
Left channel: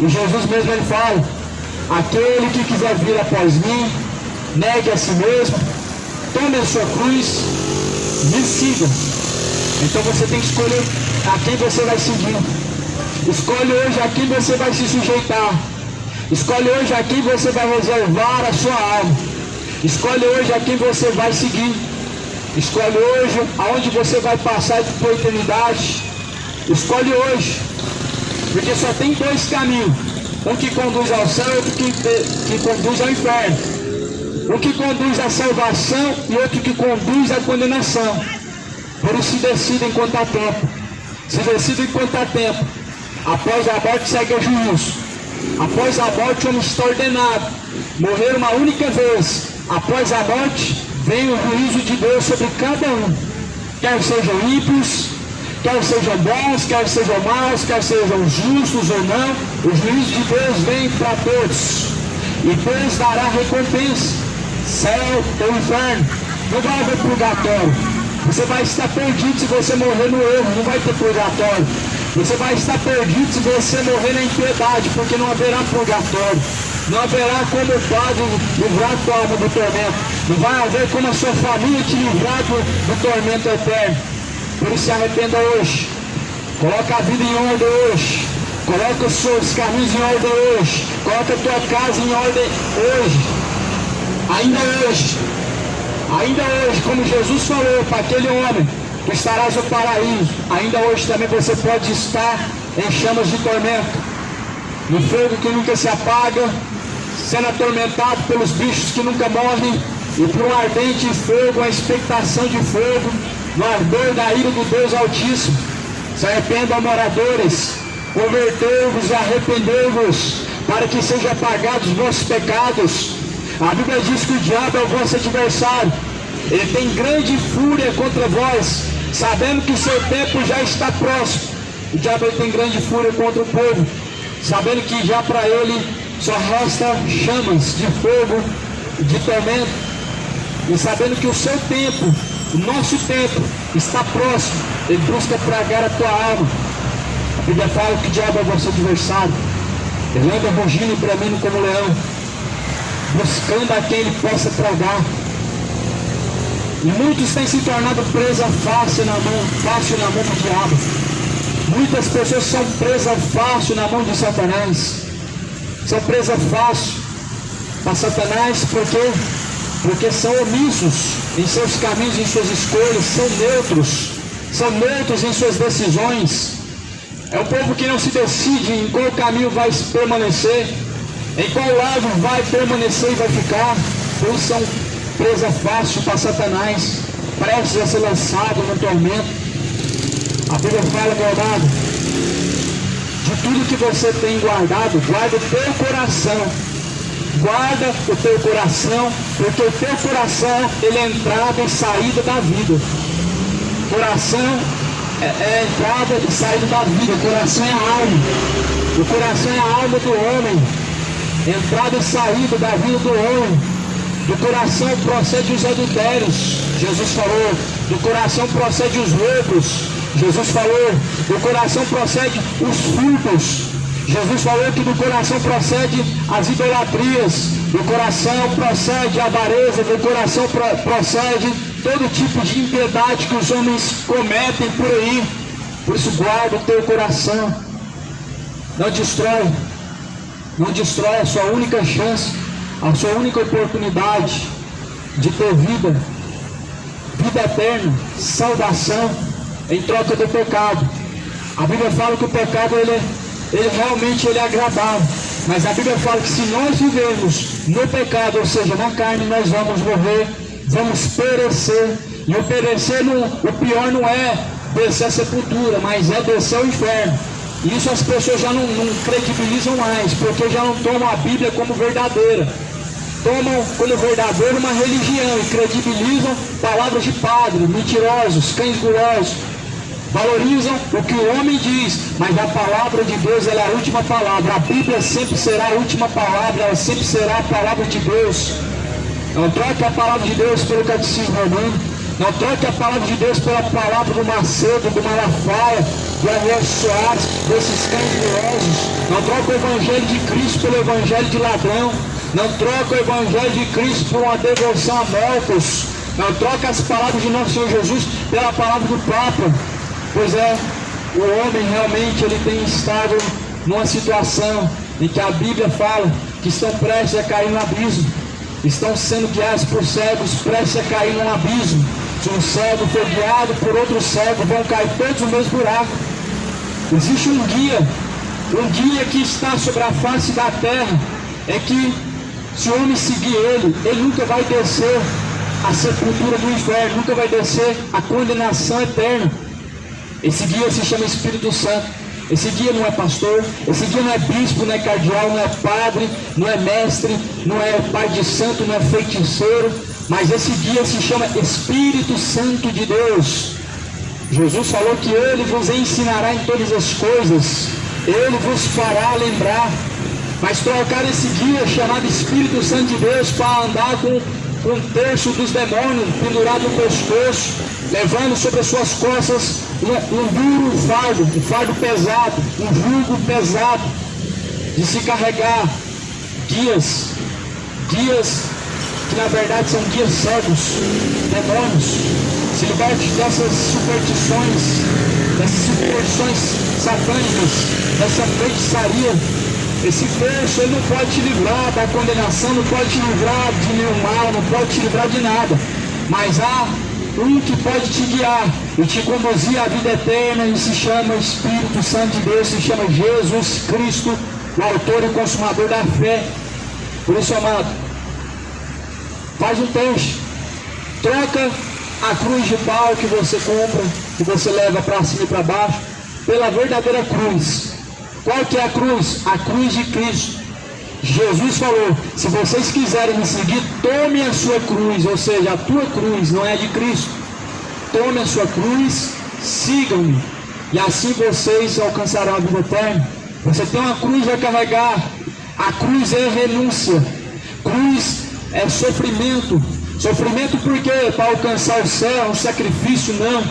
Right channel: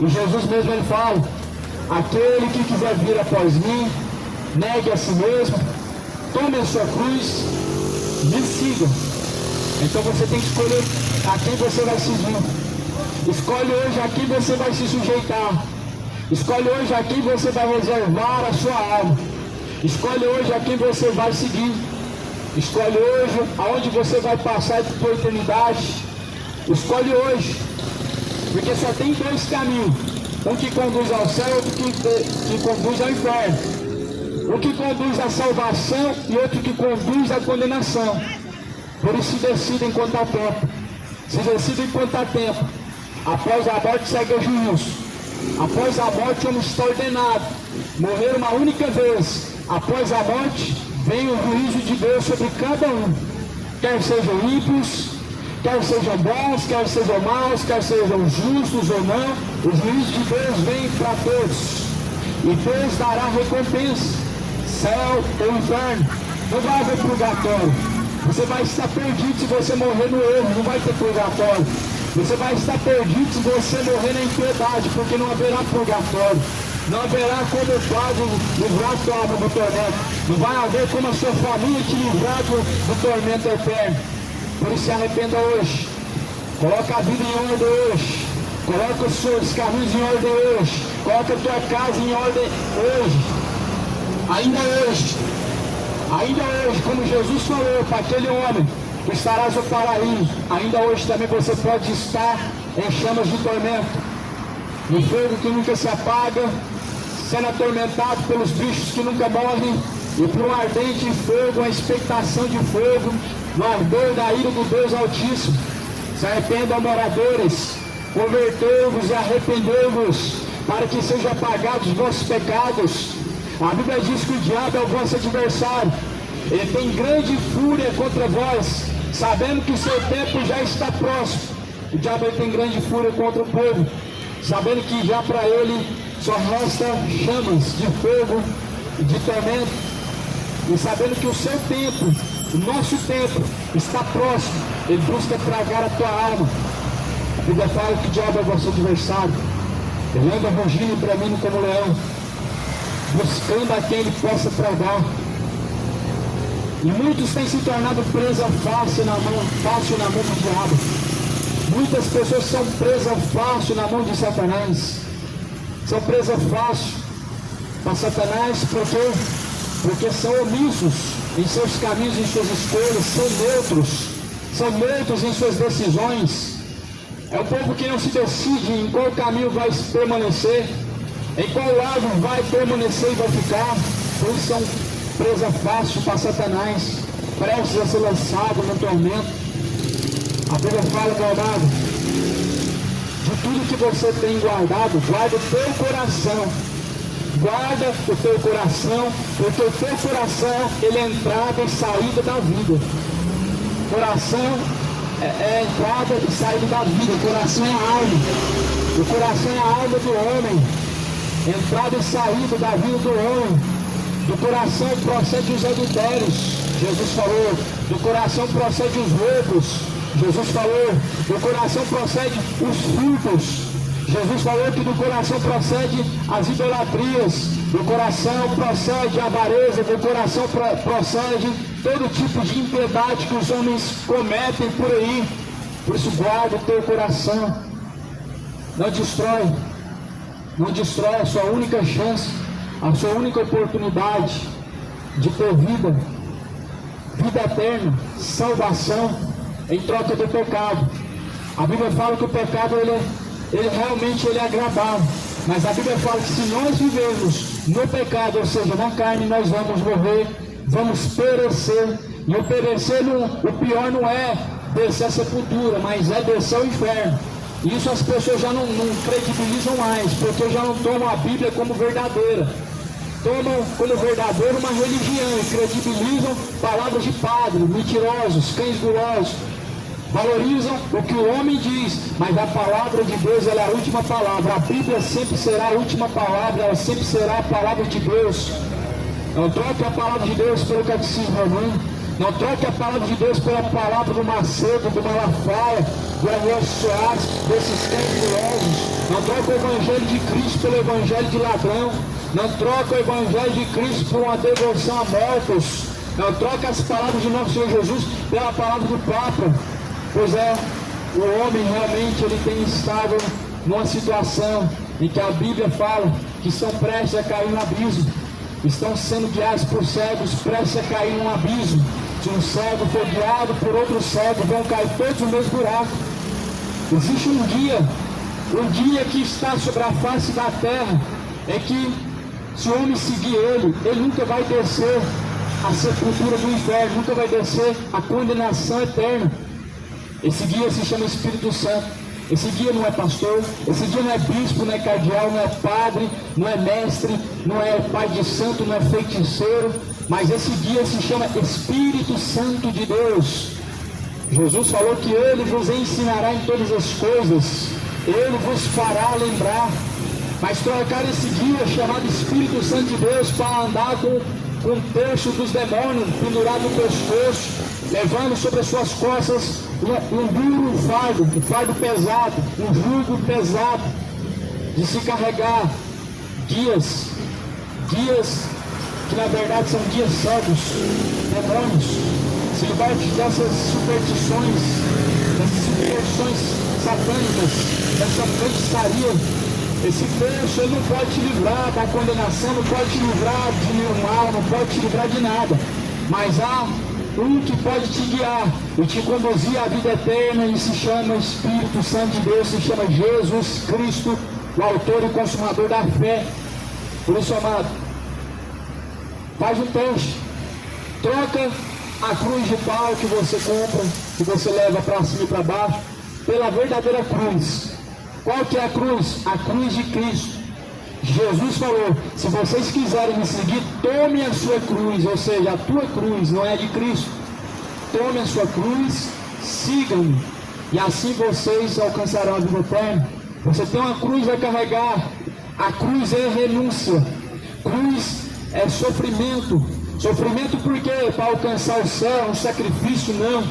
E Jesus mesmo ele fala: aquele que quiser vir após mim, negue a si mesmo, tome a sua cruz, me siga. Então você tem que escolher a quem você vai seguir. Escolhe hoje a quem você vai se sujeitar. Escolhe hoje a quem você vai reservar a sua alma. Escolhe hoje a quem você vai seguir. Escolhe hoje aonde você vai passar por eternidade. Escolhe hoje. Porque só tem dois caminhos. Um que conduz ao céu e outro que conduz ao inferno. Um que conduz à salvação e outro que conduz à condenação. Por isso se decida enquanto há tempo. Se decida enquanto há tempo. Após a morte segue o juízo. Após a morte o homem está ordenado. Morrer uma única vez. Após a morte vem o juízo de Deus sobre cada um. Quer sejam ímpios, quer sejam bons, quer sejam maus, quer sejam justos ou não. O juízo de Deus vem para todos. E Deus dará recompensa. Céu ou inferno. Não vai haver purgatório. Você vai estar perdido se você morrer no erro. Não vai ter purgatório. Você vai estar perdido se você morrer na impiedade, porque não haverá purgatório. Não haverá como o Pai livrar a tua alma do tormento. Não vai haver como a sua família te livrar do tormento eterno. Por isso se arrependa hoje. Coloca a vida em ordem hoje. Coloca os seus caminhos em ordem hoje. Coloca a tua casa em ordem hoje. Ainda hoje. Ainda hoje, como Jesus falou para aquele homem, que estarás no paraíso. Ainda hoje também você pode estar em chamas de tormento. No fogo que nunca se apaga, sendo atormentado pelos bichos que nunca morrem, e por um ardente fogo, uma expectação de fogo, no ardor da ira do Deus Altíssimo. Se arrependam, moradores, convertei-vos e arrependei-vos, para que sejam apagados os vossos pecados. A Bíblia diz que o diabo é o vosso adversário. Ele tem grande fúria contra vós, sabendo que o seu tempo já está próximo. O diabo tem grande fúria contra o povo, sabendo que já para ele só resta chamas de fogo, de tormento, e sabendo que o seu tempo, o nosso tempo, está próximo. Ele busca tragar a tua alma. A Bíblia fala que o diabo é vosso adversário. Ele anda rugindo e bramindo como leão, buscando a quem ele possa tragar. E muitos têm se tornado presa fácil na mão do diabo. Muitas pessoas são presas fácil na mão de Satanás. São presas fácil para Satanás porque são omissos em seus caminhos, em suas escolhas, são neutros em suas decisões. É um povo que não se decide em qual caminho vai permanecer, em qual lado vai permanecer e vai ficar. Por isso são presa fácil para Satanás, prestes a ser lançado no tormento. A Bíblia fala, meu amado, de tudo que você tem guardado, guarda o teu coração. Guarda o teu coração, porque o teu coração, ele é entrada e saída da vida. Coração é entrada e saída da vida. O coração é a alma. O coração é a alma do homem. Entrada e saída da vida do homem. Do coração procede os adultérios. Jesus falou. Do coração procede os roubos. Jesus falou. Do coração procede os furtos. Jesus falou que do coração procede as idolatrias, do coração procede a avareza, do coração procede todo tipo de impiedade que os homens cometem por aí. Por isso guarda o teu coração, não destrói a sua única chance, a sua única oportunidade de ter vida eterna, salvação em troca do pecado. A Bíblia fala que o pecado ele realmente é agradável, mas a Bíblia fala que se nós vivermos no pecado, ou seja, na carne, nós vamos morrer, vamos perecer. E o perecer, o pior não é descer a sepultura, mas é descer ao inferno. E isso as pessoas já não credibilizam mais, porque já não tomam a Bíblia como verdadeira. Tomam como verdadeira uma religião e credibilizam palavras de padre, mentirosos, cães gulosos. Valorizam o que o homem diz, mas a palavra de Deus ela é a última palavra. A Bíblia sempre será a última palavra, ela sempre será a palavra de Deus. Não troque a palavra de Deus pelo catecismo romano, não troque a palavra de Deus pela palavra do Macedo, do Malafaia, do Ariel Soares, desses cães gulosos. Não troque o Evangelho de Cristo pelo Evangelho de ladrão. Não troque o Evangelho de Cristo por uma devoção a mortos. Não troque as palavras de nosso Senhor Jesus pela palavra do Papa. Pois é, o homem realmente ele tem estado numa situação em que a Bíblia fala que estão prestes a cair no abismo. estão sendo guiados por cegos, prestes a cair num abismo. Se um cego for guiado por outro cego, vão cair todos no mesmo buraco. Existe um guia que está sobre a face da terra, é que se o homem seguir ele nunca vai descer a sepultura do inferno, nunca vai descer a condenação eterna. Esse guia se chama Espírito Santo. Esse guia não é pastor, esse guia não é bispo, não é cardeal, não é padre, não é mestre, não é pai de santo, não é feiticeiro, mas esse guia se chama Espírito Santo de Deus. Jesus falou que ele vos ensinará em todas as coisas, ele vos fará lembrar. Mas trocar esse guia chamado Espírito Santo de Deus para andar com um terço dos demônios pendurado no pescoço, levando sobre as suas costas um duro fardo, um fardo pesado, um jugo pesado de se carregar, guias que na verdade são guias cegos, demônios. Se liberte dessas superstições satânicas, dessa feitiçaria. Esse terço ele não pode te livrar da condenação, não pode te livrar de nenhum mal, não pode te livrar de nada, mas há um que pode te guiar e te conduzir à vida eterna, e se chama Espírito Santo de Deus, se chama Jesus Cristo, o autor e consumador da fé. Por isso, amado, faz um teste, troca a cruz de pau que você compra, que você leva para cima e para baixo, pela verdadeira cruz. Qual que é a cruz? A cruz de Cristo. Jesus falou, se vocês quiserem me seguir, tome a sua cruz, ou seja, a tua cruz, não é a de Cristo. Tome a sua cruz, sigam-me, e assim vocês alcançarão a vida eterna. Você tem uma cruz a carregar, a cruz é renúncia, cruz é sofrimento. Sofrimento por quê? Para alcançar o céu, é um sacrifício? Não.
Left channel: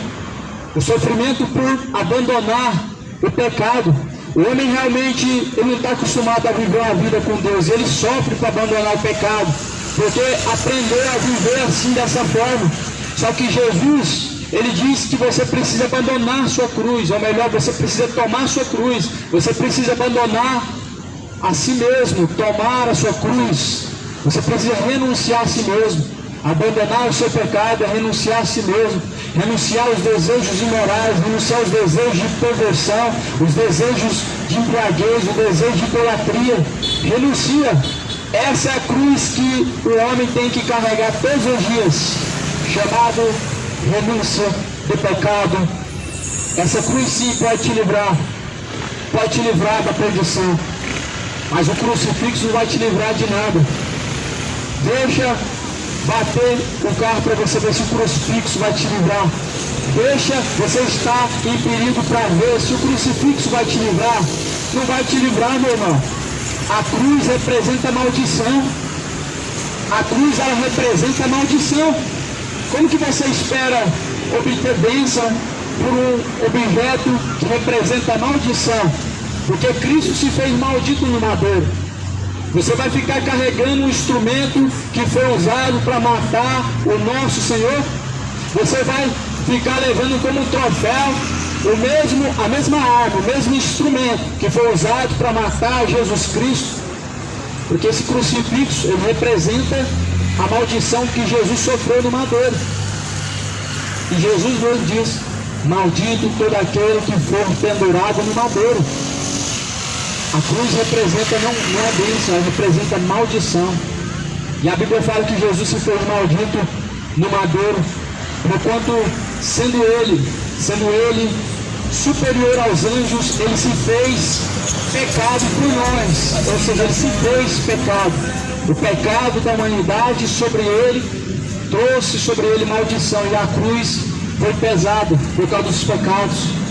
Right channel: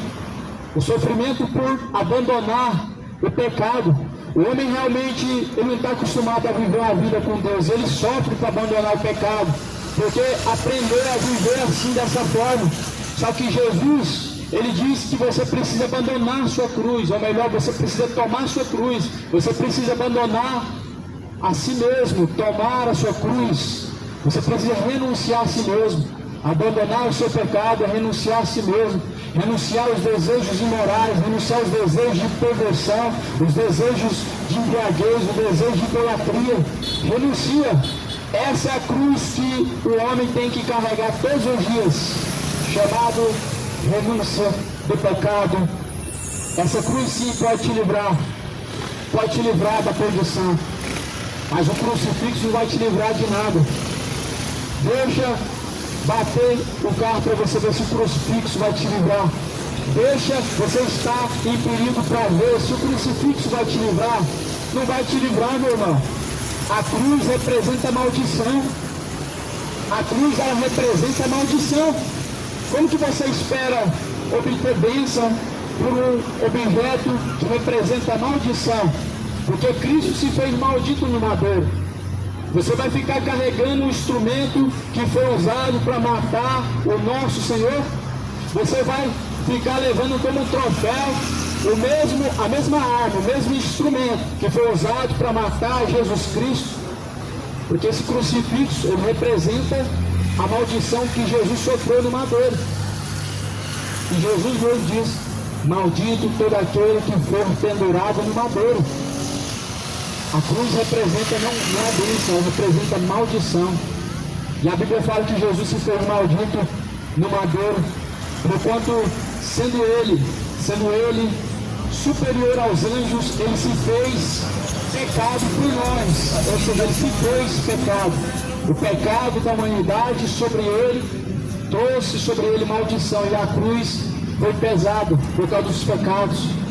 O sofrimento por abandonar o pecado. O homem realmente ele não está acostumado a viver uma vida com Deus, ele sofre para abandonar o pecado, porque aprendeu a viver assim, dessa forma. Só que Jesus, ele disse que você precisa abandonar a sua cruz, ou melhor, você precisa tomar a sua cruz, você precisa abandonar a si mesmo, tomar a sua cruz, você precisa renunciar a si mesmo. Abandonar o seu pecado é renunciar a si mesmo, renunciar aos desejos imorais, renunciar aos desejos de perversão, os desejos de embriaguez, o desejo de idolatria. Renuncia. Essa é a cruz que o homem tem que carregar todos os dias, chamado renúncia do pecado. Essa cruz sim pode te livrar da perdição, mas o crucifixo não vai te livrar de nada. Deixa bater o carro para você ver se o crucifixo vai te livrar. Deixa você estar em perigo para ver se o crucifixo vai te livrar. Não vai te livrar, meu irmão. A cruz representa maldição. A cruz, ela representa maldição. Como que você espera obter bênção por um objeto que representa maldição? Porque Cristo se fez maldito no madeiro. Você vai ficar carregando um instrumento que foi usado para matar o nosso Senhor? Você vai ficar levando como um troféu a mesma arma, o mesmo instrumento que foi usado para matar Jesus Cristo? Porque esse crucifixo, ele representa a maldição que Jesus sofreu no madeiro. E Jesus nos diz, maldito todo aquele que for pendurado no madeiro. A cruz representa, não é bênção, ela representa maldição. E a Bíblia fala que Jesus se fez maldito no madeiro, porquanto sendo ele superior aos anjos, ele se fez pecado por nós, ou seja, ele se fez pecado. O pecado da humanidade sobre ele, trouxe sobre ele maldição, e a cruz foi pesada por causa dos pecados.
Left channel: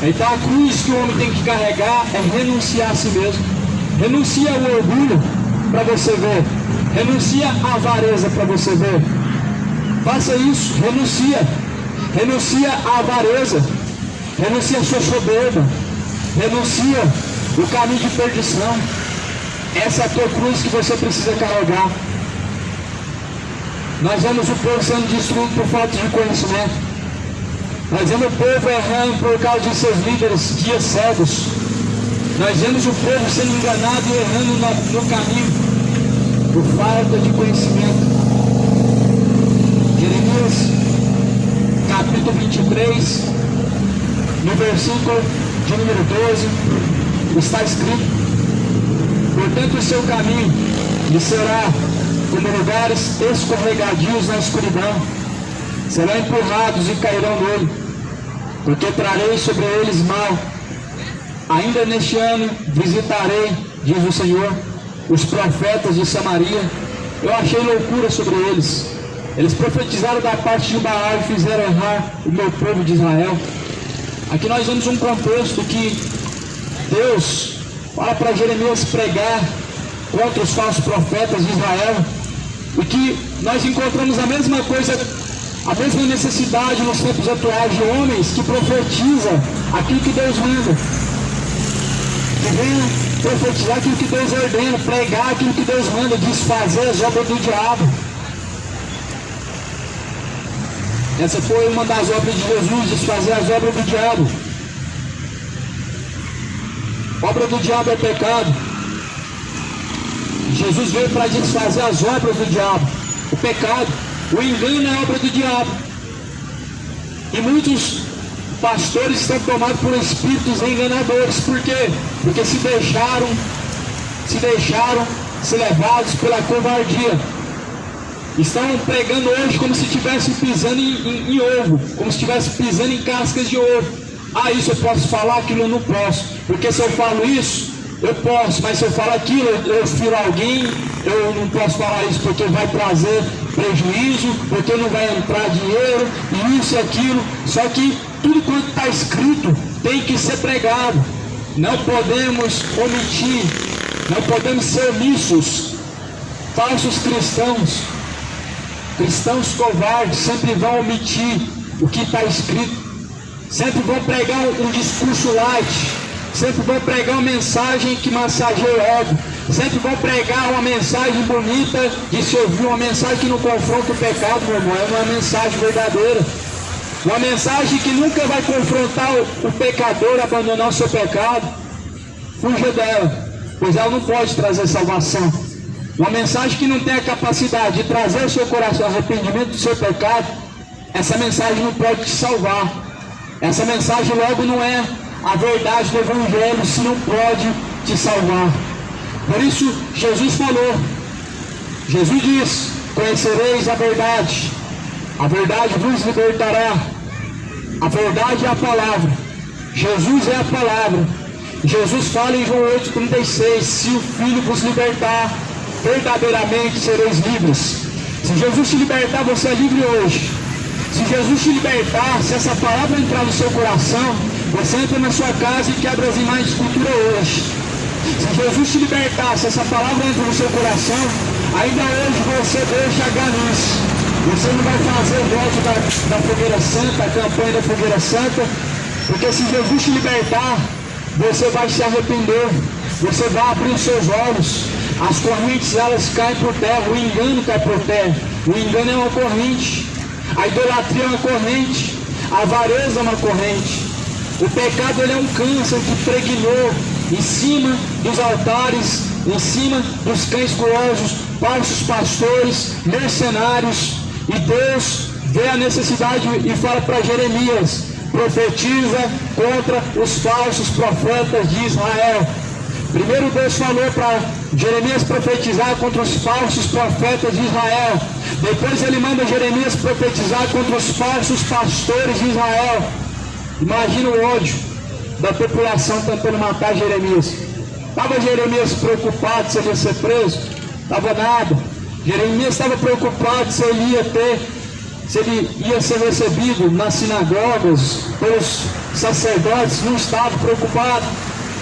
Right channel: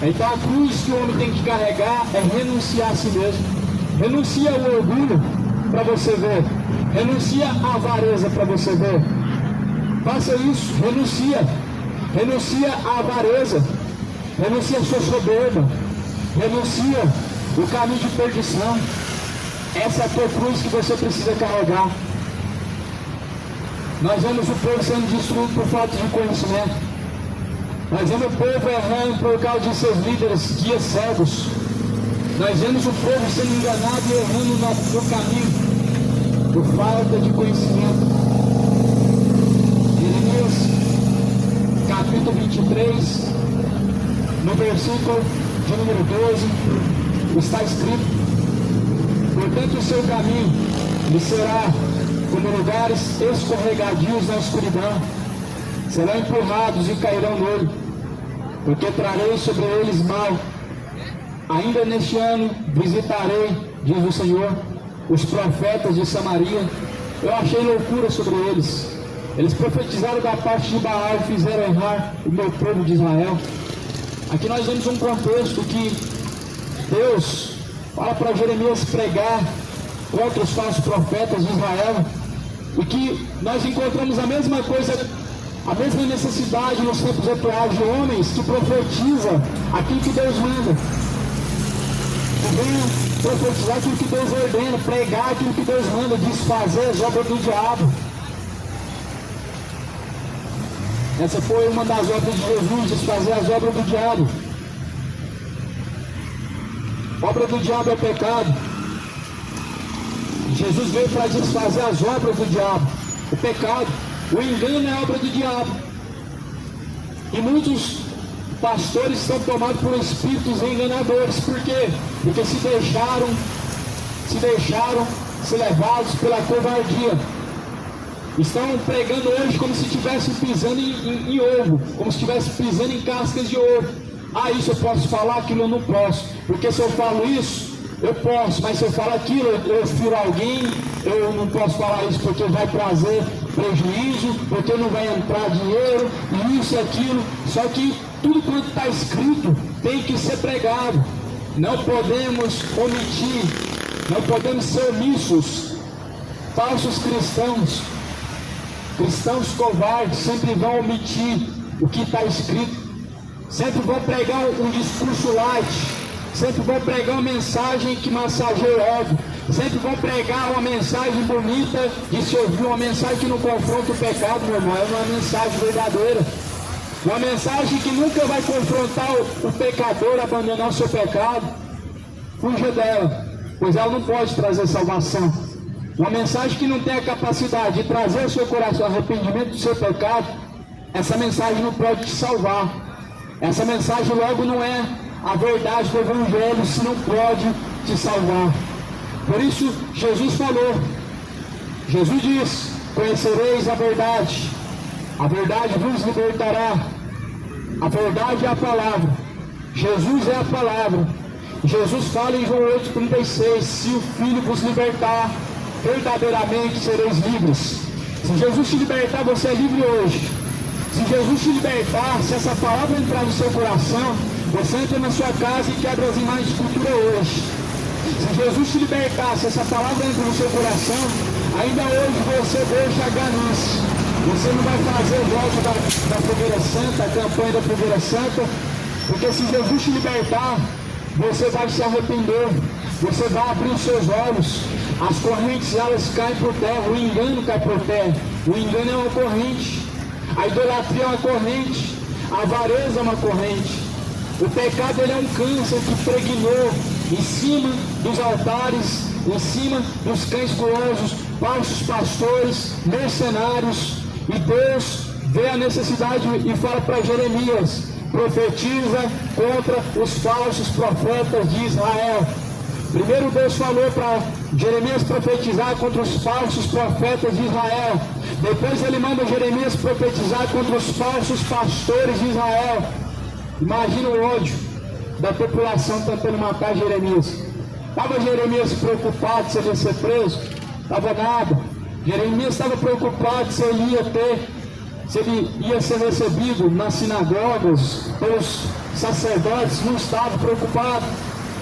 Então a cruz que o homem tem que carregar é renunciar a si mesmo. Renuncia ao orgulho para você ver. Renuncia à avareza para você ver. Faça isso, renuncia. Renuncia à avareza. Renuncia a sua soberba. Renuncia o caminho de perdição. Essa é a tua cruz que você precisa carregar. Nós vemos o povo sendo destruído por falta de conhecimento. Nós vemos o povo errando por causa de seus líderes, guias cegos. Nós vemos o povo sendo enganado e errando no caminho. por falta de conhecimento. Jeremias, capítulo 23, no versículo de número 12, está escrito: portanto o seu caminho lhe será como lugares escorregadios na escuridão, serão empurrados e cairão nele, porque trarei sobre eles mal. Ainda neste ano visitarei, diz o Senhor, os profetas de Samaria. Eu achei loucura sobre eles. Eles profetizaram da parte de Baal e fizeram errar o meu povo de Israel. Aqui nós vemos um contexto que Deus fala para Jeremias pregar contra os falsos profetas de Israel, e que nós encontramos a mesma coisa, a mesma necessidade nos tempos atuais de homens que profetizam aquilo que Deus manda, que venham profetizar aquilo que Deus ordena, pregar aquilo que Deus manda, desfazer as obras do diabo. Essa foi uma das obras de Jesus, desfazer as obras do diabo. Obra do diabo é pecado. Jesus veio para desfazer as obras do diabo, o pecado, o engano é obra do diabo. E muitos pastores estão tomados por espíritos enganadores. Por quê? Porque se deixaram ser levados pela covardia. Estão pregando hoje como se estivessem pisando em ovo, como se estivessem pisando em cascas de ovo. Ah, isso eu posso falar, aquilo eu não posso, porque se eu falo isso, eu posso, mas se eu falar aquilo, eu firo alguém, eu não posso falar isso porque vai trazer prejuízo, porque não vai entrar dinheiro, e isso e aquilo. Só que tudo quanto está escrito tem que ser pregado. Não podemos omitir, não podemos ser omissos. Falsos cristãos covardes sempre vão omitir o que está escrito, sempre vão pregar um discurso light, sempre vão pregar uma mensagem que massageia o ego, sempre vão pregar uma mensagem bonita de se ouvir, uma mensagem que não confronta o pecado, meu irmão, é uma mensagem verdadeira, uma mensagem que nunca vai confrontar o pecador a abandonar o seu pecado. Fuja dela, pois ela não pode trazer salvação. Uma mensagem que não tem a capacidade de trazer ao seu coração arrependimento do seu pecado, essa mensagem não pode te salvar. Essa mensagem logo não é a verdade do Evangelho, se não pode te salvar. Por isso Jesus falou, Jesus diz: conhecereis a verdade vos libertará. A verdade é a palavra, Jesus é a palavra. Jesus fala em João 8,36: se o Filho vos libertar, verdadeiramente sereis livres. Se Jesus te libertar, você é livre hoje. Se Jesus te libertar, se essa palavra entrar no seu coração, você entra na sua casa e quebra as imagens de escultura hoje. Se Jesus te libertar, se essa palavra entra no seu coração, ainda hoje você deixa a ganância. Você não vai fazer o voto da fogueira santa, a campanha da fogueira santa, porque se Jesus te libertar, você vai se arrepender, você vai abrir os seus olhos. As correntes, elas caem por terra, o engano cai por terra. O engano é uma corrente, a idolatria é uma corrente, a avareza é uma corrente. O pecado, ele é um câncer que pregnou em cima dos altares, em cima dos cães gulosos, falsos pastores, mercenários. E Deus vê a necessidade e fala para Jeremias: profetiza contra os falsos profetas de Israel. Primeiro Deus falou para Jeremias profetizar contra os falsos profetas de Israel. Depois ele manda Jeremias profetizar contra os falsos pastores de Israel. Imagina o ódio da população tentando matar Jeremias. Estava Jeremias preocupado se ele ia ser preso? Estava nada. Jeremias estava preocupado se ele ia ser recebido nas sinagogas pelos sacerdotes. Não estava preocupado.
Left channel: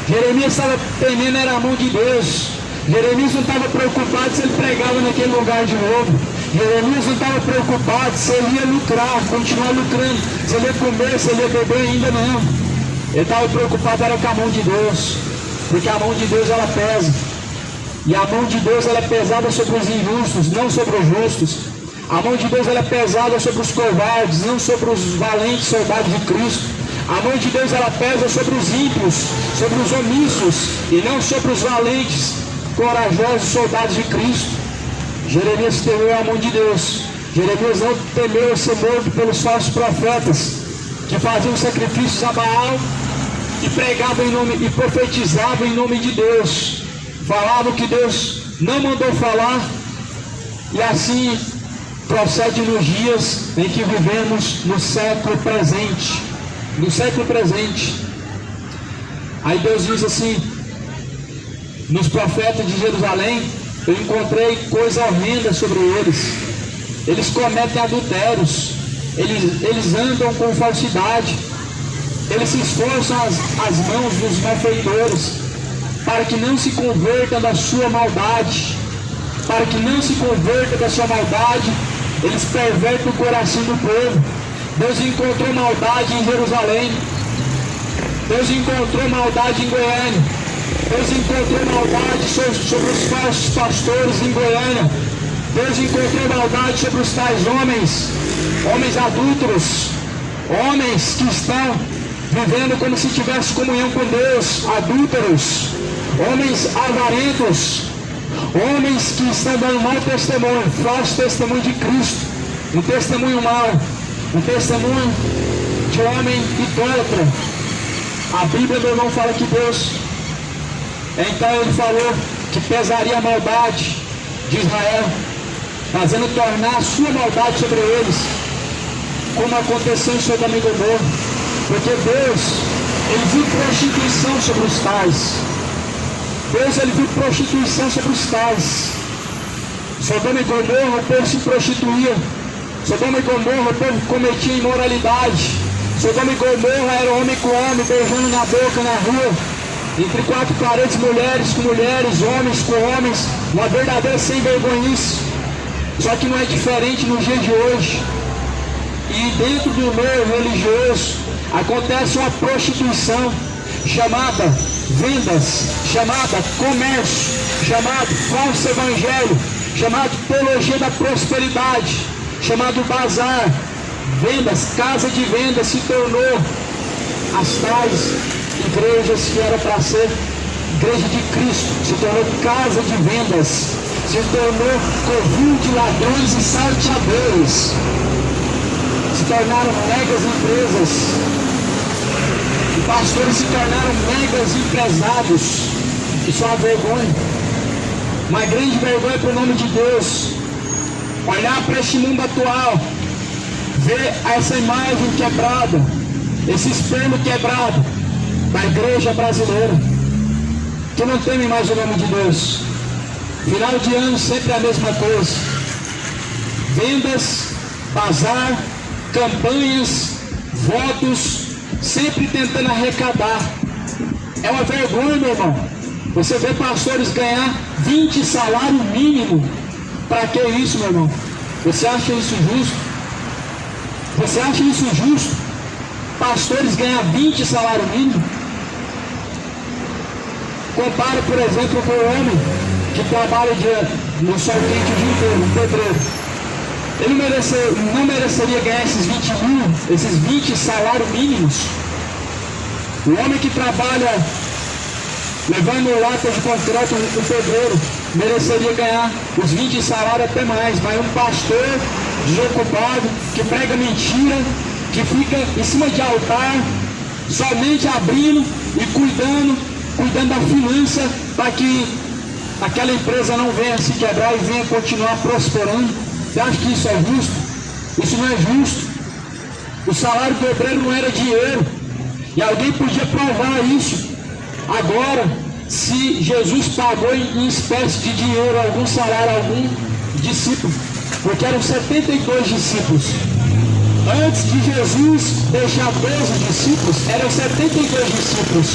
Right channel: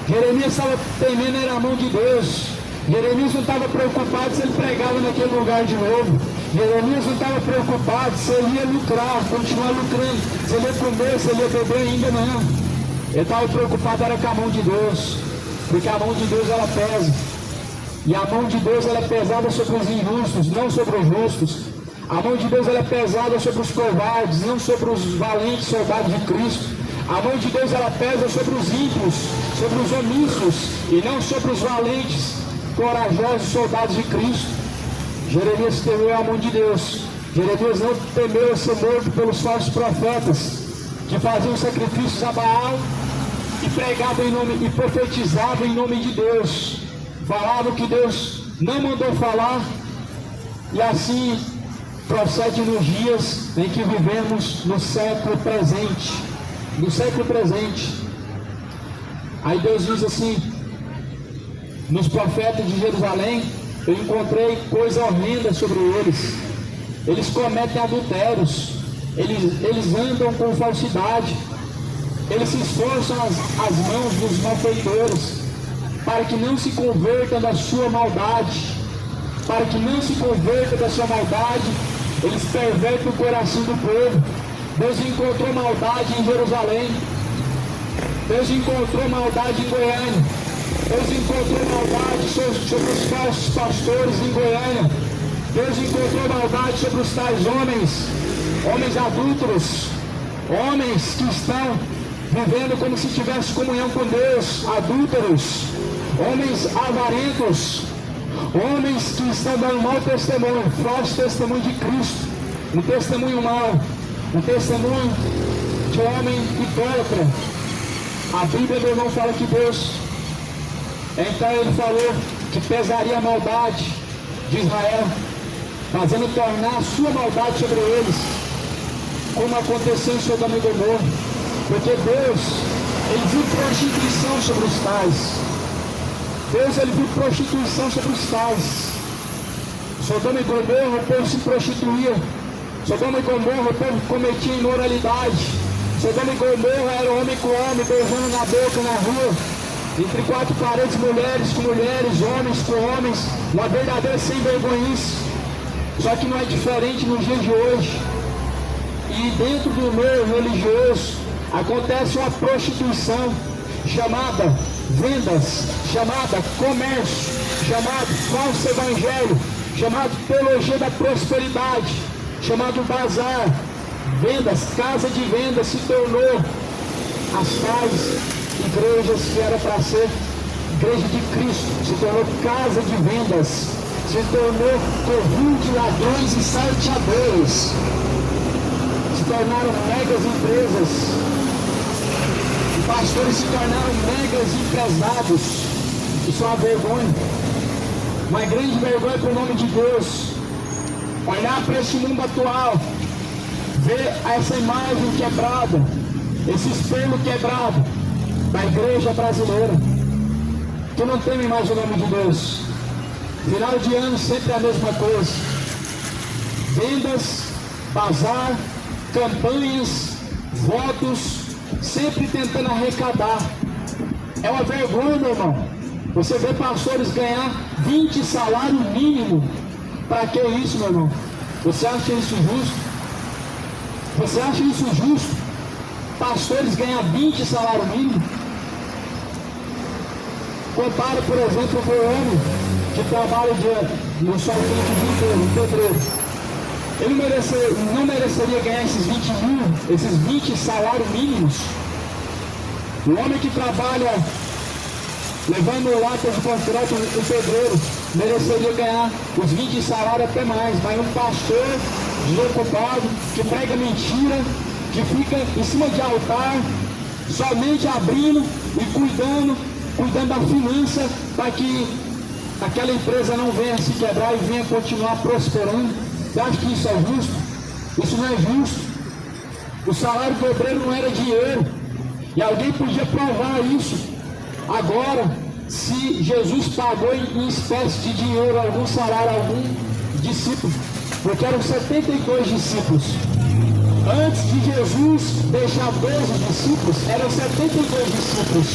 Jeremias estava temendo era a mão de Deus. Jeremias não estava preocupado se ele pregava naquele lugar de novo. Jeremias não estava preocupado se ele ia lucrar, continuar lucrando, se ele ia comer, se ele ia beber, ainda não. Ele estava preocupado era com a mão de Deus, porque a mão de Deus ela pesa. E a mão de Deus ela é pesada sobre os injustos, não sobre os justos. A mão de Deus ela é pesada sobre os covardes, não sobre os valentes soldados de Cristo. A mão de Deus ela pesa sobre os ímpios, sobre os omissos, e não sobre os valentes, corajosos soldados de Cristo. Jeremias temeu a mão de Deus. Jeremias não temeu ser morto pelos falsos profetas que faziam sacrifícios a Baal e pregavam em nome e profetizavam em nome de Deus. Falavam que Deus não mandou falar, e assim procede nos dias em que vivemos no século presente. No século presente. Aí Deus diz assim: nos profetas de Jerusalém eu encontrei coisa horrenda sobre eles. Eles cometem adultérios, eles andam com falsidade, eles se esforçam as mãos dos malfeitores para que não se convertam da sua maldade. Para que não se converta da sua maldade, eles pervertem o coração do povo. Deus encontrou maldade em Jerusalém. Deus encontrou maldade em Goiânia. Deus encontrou maldade sobre os falsos pastores em Goiânia. Deus encontrou maldade sobre os tais homens adúlteros, homens que estão vivendo como se tivesse comunhão com Deus, adúlteros, homens avarentos, homens que estão dando mau testemunho, falso testemunho de Cristo, um testemunho mau, um testemunho de homem idólatra. A Bíblia, meu irmão, fala que Deus, então ele falou que pesaria a maldade de Israel, fazendo tornar a sua maldade sobre eles, como aconteceu em Sodoma e Gomorra, porque Deus, ele viu prostituição sobre os tais. Deus, ele viu prostituição sobre os tais. Sodoma e Gomorra, o povo se prostituía. Sodoma e Gomorra, o povo cometia imoralidade. Sodoma e Gomorra era homem com homem, beijando na boca, na rua, entre quatro paredes, mulheres com mulheres, homens com homens, uma verdadeira sem vergonhice. Só que não é diferente nos dias de hoje. E dentro do meio religioso acontece uma prostituição chamada vendas, chamada comércio, chamado falso evangelho, chamado teologia da prosperidade, chamado bazar. Vendas, casa de vendas se tornou as tais igrejas que eram para ser igreja de Cristo, se tornou casa de vendas, se tornou covil de ladrões e salteadores, se tornaram megas empresas, e pastores se tornaram megas empresários. Isso é uma vergonha, uma grande vergonha para o nome de Deus. Olhar para este mundo atual, ver essa imagem quebrada, esse espelho quebrado da igreja brasileira, que não teme mais o nome de Deus. Final de ano sempre a mesma coisa, vendas, bazar, campanhas, votos, sempre tentando arrecadar. É uma vergonha, meu irmão, você vê pastores ganhar 20 salário mínimo. Para que isso, meu irmão? Você acha isso justo? Você acha isso justo? Pastores ganhar 20 salário mínimo? Compara, por exemplo, com o homem que trabalha no sol quente o dia inteiro, um pedreiro. Ele não mereceria ganhar esses 20 salários mínimos? O homem que trabalha levando lata de concreto, um pedreiro, mereceria ganhar os 20 salários até mais. Mas um pastor desocupado, que prega mentira, que fica em cima de altar, somente abrindo e cuidando da finança, para que aquela empresa não venha se quebrar e venha continuar prosperando. Você acha que isso é justo? Isso não é justo. O salário do obreiro não era dinheiro, e alguém podia provar isso. Agora, se Jesus pagou em espécie de dinheiro algum salário a algum discípulo, porque eram 72 discípulos. Antes de Jesus deixar 12 discípulos, eram 72 discípulos.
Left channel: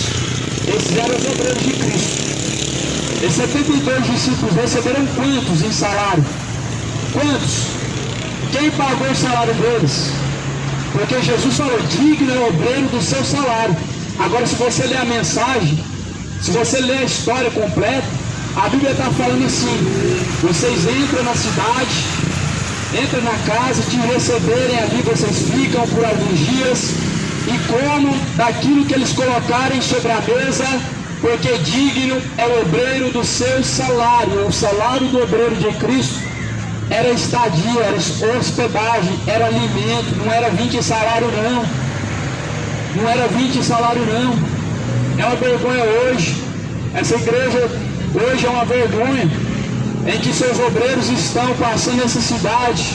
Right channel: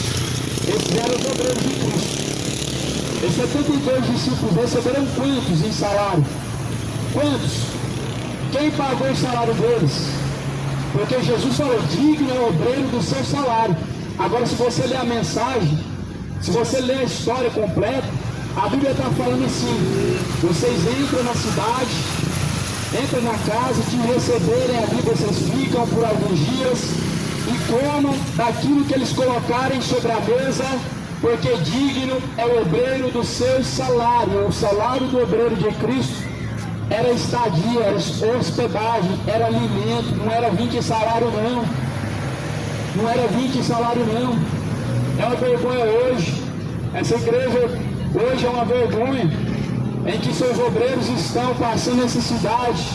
Esses eram os obreiros de Cristo. Esses 72 discípulos receberam quantos em salário? Quantos? Quem pagou o salário deles? Porque Jesus falou: digno é o obreiro do seu salário. Agora, se você ler a mensagem, se você ler a história completa, a Bíblia está falando assim: vocês entram na cidade, entram na casa, te receberem, ali vocês ficam por alguns dias e comam daquilo que eles colocarem sobre a mesa, porque digno é o obreiro do seu salário. O salário do obreiro de Cristo era estadia, era hospedagem, era alimento, não era 20 salário não. Não era 20 salário não. É uma vergonha hoje. Essa igreja hoje é uma vergonha em que seus obreiros estão passando necessidade,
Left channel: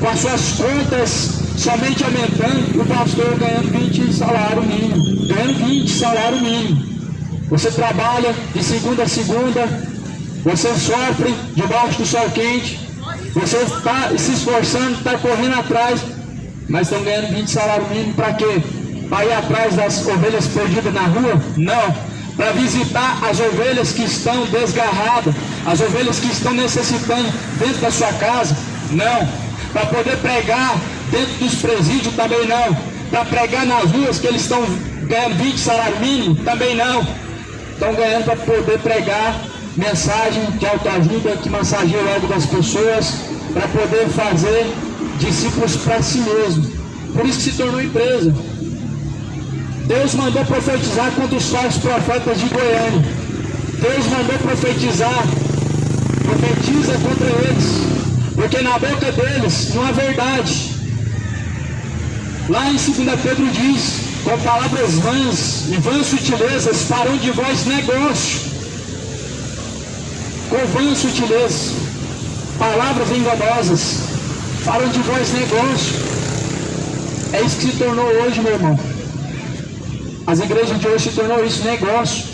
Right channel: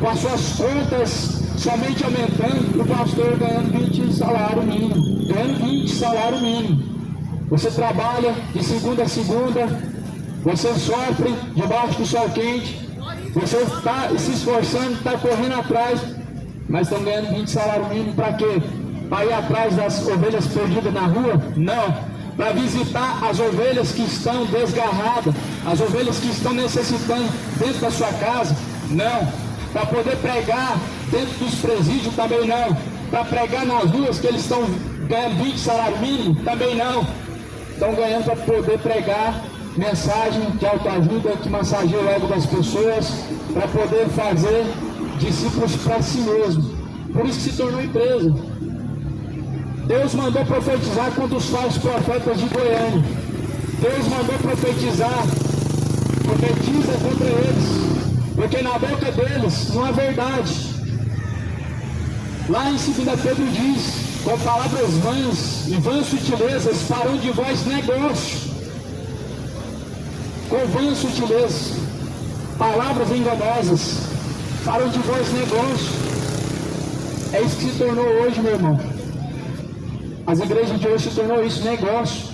com as suas contas somente aumentando, e o pastor ganhando 20 salário mínimo. Ganhando 20 salário mínimo. Você trabalha de segunda a segunda, você sofre debaixo do sol quente, você está se esforçando, está correndo atrás, mas estão ganhando 20 salário mínimo para quê? Para ir atrás das ovelhas perdidas na rua? Não. Para visitar as ovelhas que estão desgarradas, as ovelhas que estão necessitando dentro da sua casa? Não. Para poder pregar dentro dos presídios? Também não. Para pregar nas ruas que eles estão ganhando 20 salário mínimo? Também não. Estão ganhando para poder pregar mensagem de autoajuda que massageia o ego das pessoas, para poder fazer discípulos para si mesmo. Por isso que se tornou empresa. Deus mandou profetizar contra os falsos profetas de Goiânia. Deus mandou profetizar. Profetiza contra eles, porque na boca deles não há verdade. Lá em 2 Pedro diz: com palavras vãs e vãs sutilezas farão de vós negócio. Com vãs sutilezas, palavras enganosas farão de vós negócio. É isso que se tornou hoje, meu irmão. As igrejas de hoje se tornou isso, negócio.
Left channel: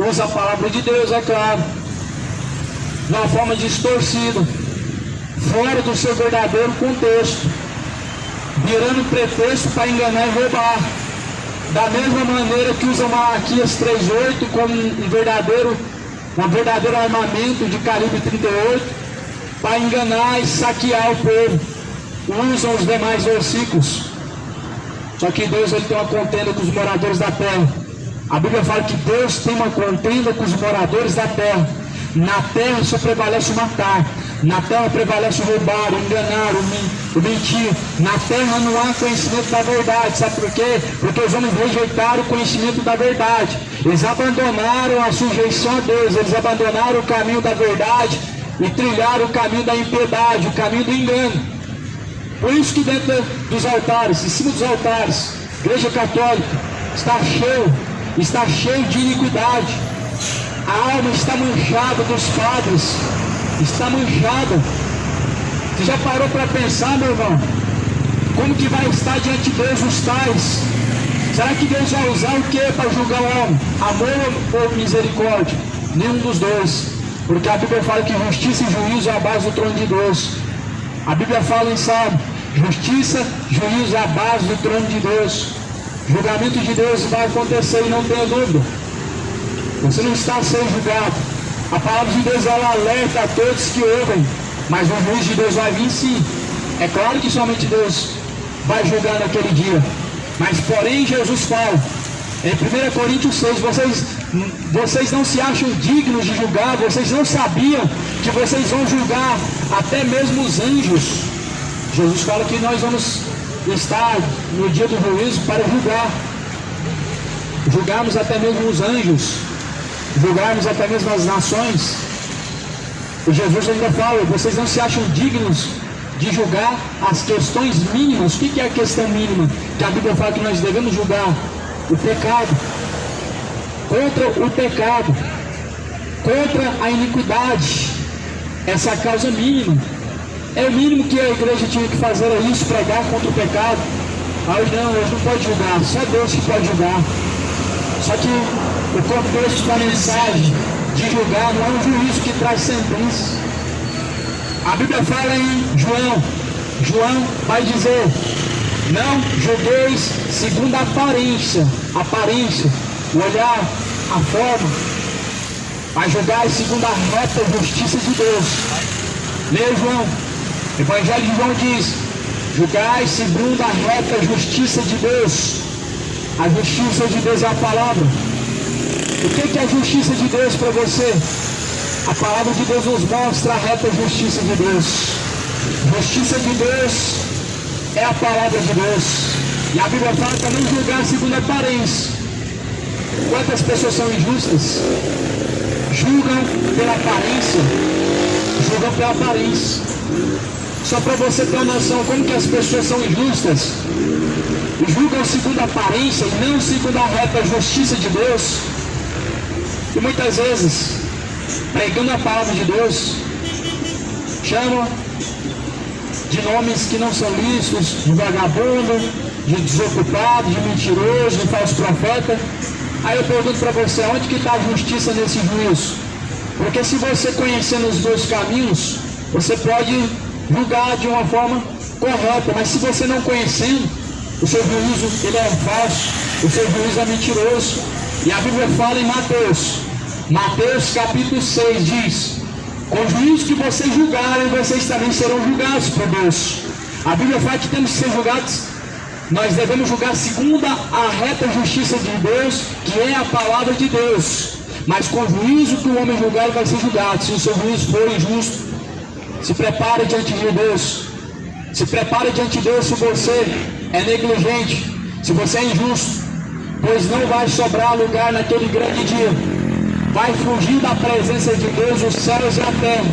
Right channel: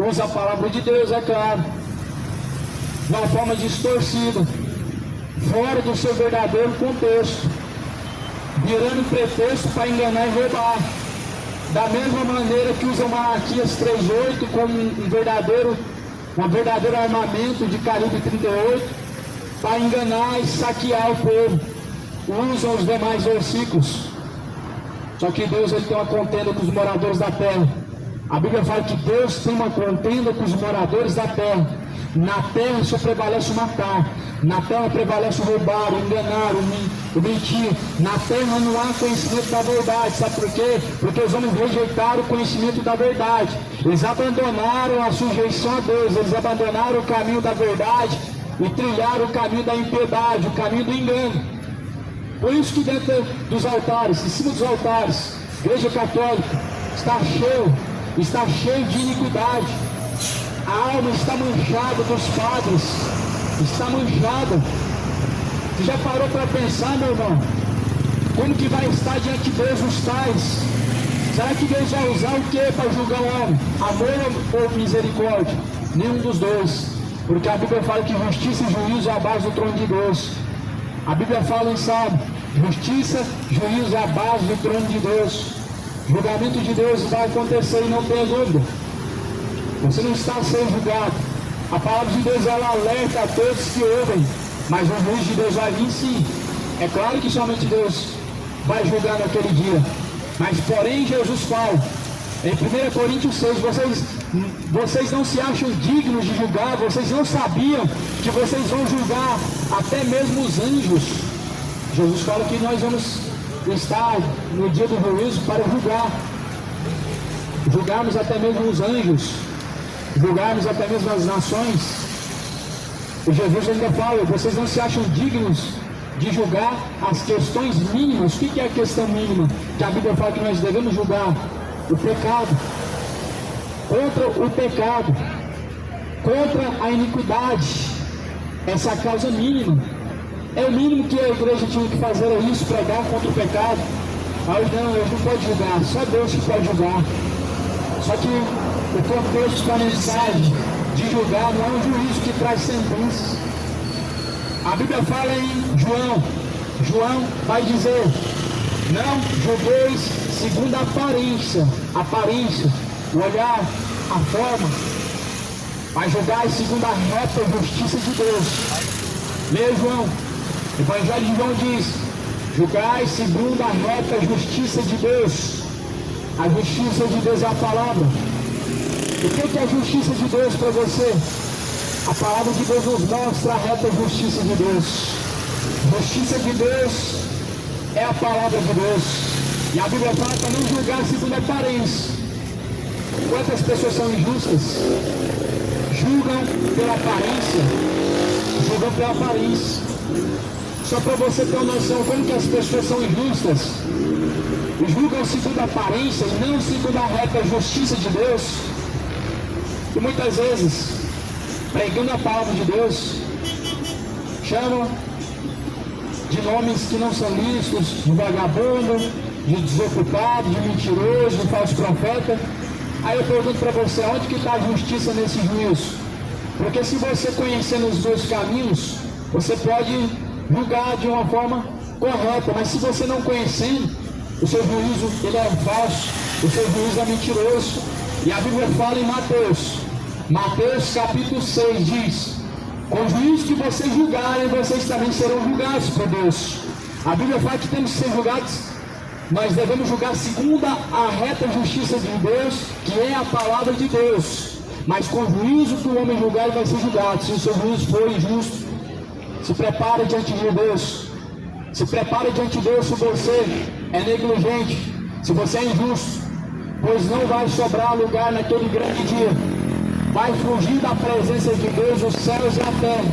Usa a palavra de Deus, é claro, de uma forma distorcida, fora do seu verdadeiro contexto, virando pretexto para enganar e roubar. Da mesma maneira que usam Malaquias 3:8 como um verdadeiro armamento de calibre 38 para enganar e saquear o povo. Usam os demais versículos. Só que Deus ele tem uma contenda com os moradores da terra. A Bíblia fala que Deus tem uma contenda com os moradores da terra. Na terra só prevalece o matar. Na terra prevalece o roubar, o enganar, o mentir. Na terra não há conhecimento da verdade. Sabe por quê? Porque os homens rejeitaram o conhecimento da verdade. Eles abandonaram a sujeição a Deus. Eles abandonaram o caminho da verdade e trilharam o caminho da impiedade, o caminho do engano. Por isso que dentro dos altares, em cima dos altares, Igreja Católica está cheio de iniquidade. A alma está manchada dos padres, está manchada. Você já parou para pensar, meu irmão? Como que vai estar diante de Deus os tais? Será que Deus vai usar o que para julgar o homem? Amor ou misericórdia? Nenhum dos dois. Porque a Bíblia fala que justiça e juízo é a base do trono de Deus. A Bíblia fala em Salmo: justiça, juízo é a base do trono de Deus. Julgamento de Deus vai acontecer, e não tenha dúvida. Você não está a ser julgado. A palavra de Deus ela alerta a todos que ouvem, mas o juízo de Deus vai vir sim. É claro que somente Deus vai julgar naquele dia, mas porém Jesus fala em 1 Coríntios 6, vocês não se acham dignos de julgar, vocês não sabiam que vocês vão julgar até mesmo os anjos. Jesus fala que nós vamos estar no dia do juízo para julgarmos até mesmo os anjos, julgarmos até mesmo as nações. E Jesus ainda fala: vocês não se acham dignos de julgar as questões mínimas. O que é a questão mínima? Que a Bíblia fala que nós devemos julgar o pecado, contra o pecado, contra a iniquidade. Essa é a causa mínima. É o mínimo que a igreja tinha que fazer, é isso, pregar contra o pecado. Hoje não pode julgar, só Deus que pode julgar. Só que o contexto da mensagem de julgar não é um juízo que traz sentença. A Bíblia fala em João vai dizer: não julgueis segundo a aparência, o olhar, a forma, mas julgai segundo a reta justiça de Deus. Leia João, o Evangelho de João diz: julgai segundo a reta justiça de Deus. A justiça de Deus é a palavra. O que é a justiça de Deus para você? A palavra de Deus nos mostra a reta justiça de Deus. Justiça de Deus é a palavra de Deus. E a Bíblia fala para não julgar segundo a aparência. Quantas pessoas são injustas? Julgam pela aparência, julgam pela aparência. Só para você ter uma noção como que as pessoas são injustas, e julgam segundo a aparência e não segundo a reta justiça de Deus. E muitas vezes, pregando a palavra de Deus, chamam de nomes que não são lícitos, de vagabundo, de desocupado, de mentiroso, de falso profeta. Aí eu pergunto para você, onde que está a justiça nesse juízo? Porque se você conhecendo os dois caminhos, você pode julgar de uma forma correta, mas se você não conhecendo, o seu juízo ele é falso, o seu juízo é mentiroso. E a Bíblia fala em Mateus capítulo 6 diz: com o juízo que vocês julgarem, vocês também serão julgados por Deus. A Bíblia fala que temos que ser julgados, nós devemos julgar segundo a reta justiça de Deus, que é a palavra de Deus. Mas com o juízo que o homem julgar, ele vai ser julgado. Se o seu juízo for injusto, se prepare diante de Deus. Se prepare diante de Deus se você é negligente, se você é injusto, pois não vai sobrar lugar naquele grande dia. Vai fugir da presença de Deus os céus e a terra.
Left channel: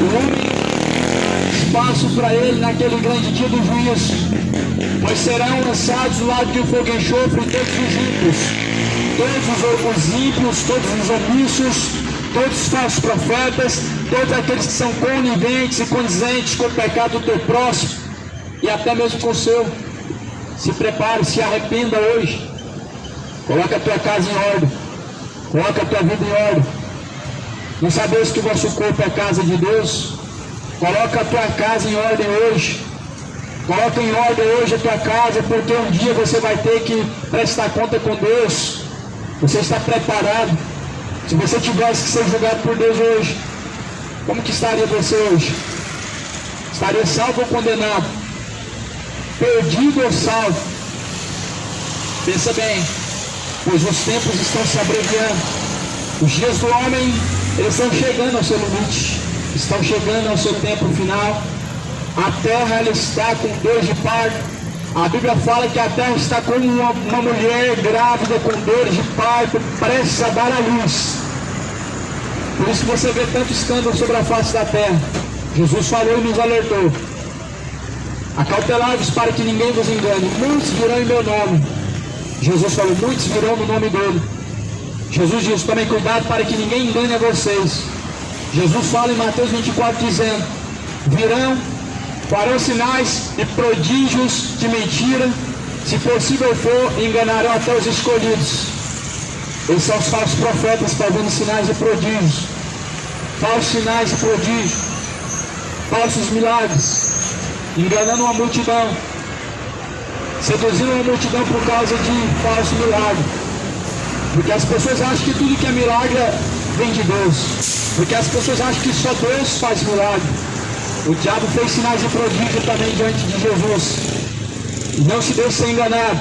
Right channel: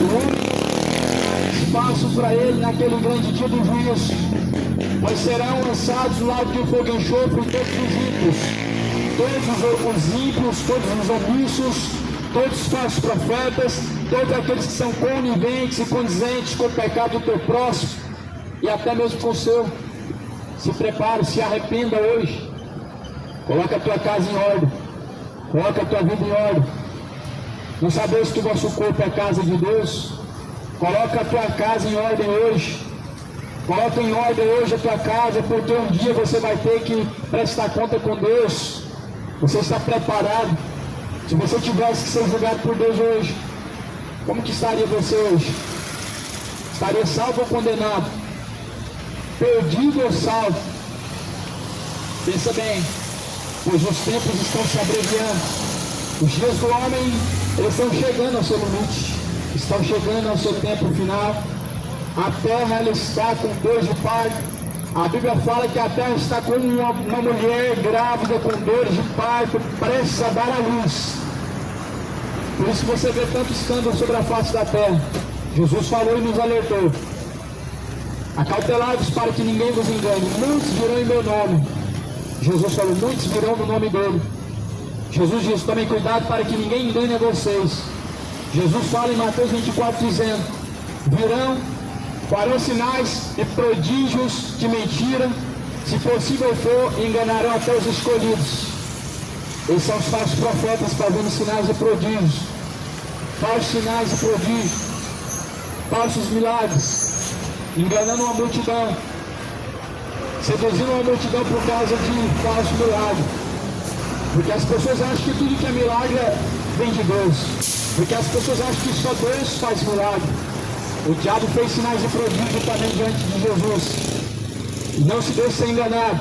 O homem espaço para ele naquele grande dia do juízo, pois serão lançados do lado de fogo e enxofre todos os ímpios, todos os omissos, todos os falsos profetas, todos aqueles que são coniventes e condizentes com o pecado do teu próximo e até mesmo com o seu. Se prepare, se arrependa hoje. Coloca a tua casa em ordem, coloca a tua vida em ordem. Não sabes que o vosso corpo é a casa de Deus? Coloca a tua casa em ordem hoje. Coloca em ordem hoje a tua casa, porque um dia você vai ter que prestar conta com Deus. Você está preparado? Se você tivesse que ser julgado por Deus hoje, como que estaria você hoje? Estaria salvo ou condenado? Perdido ou salvo? Pensa bem, pois os tempos estão se abreviando. Os dias do homem, eles estão chegando ao seu limite, estão chegando ao seu tempo final. A terra ela está com dor de parto. A Bíblia fala que a terra está como uma mulher grávida com dores de parto, prestes a dar à luz. Por isso você vê tanto escândalo sobre a face da terra. Jesus falou e nos alertou: acautelai-vos para que ninguém vos engane. Muitos virão em meu nome. Jesus falou, muitos virão no nome dele. Jesus diz, tomem cuidado para que ninguém engane a vocês. Jesus fala em Mateus 24 dizendo, farão sinais e prodígios de mentira, se possível for, enganarão até os escolhidos. Esses são os falsos profetas fazendo sinais e prodígios, falsos sinais e prodígios, falsos milagres, enganando uma multidão, seduzindo uma multidão por causa de falso milagre. Porque as pessoas acham que tudo que é milagre vem de Deus, porque as pessoas acham que só Deus faz milagre. O diabo fez sinais e prodígios também diante de Jesus. E não se deixe ser enganado.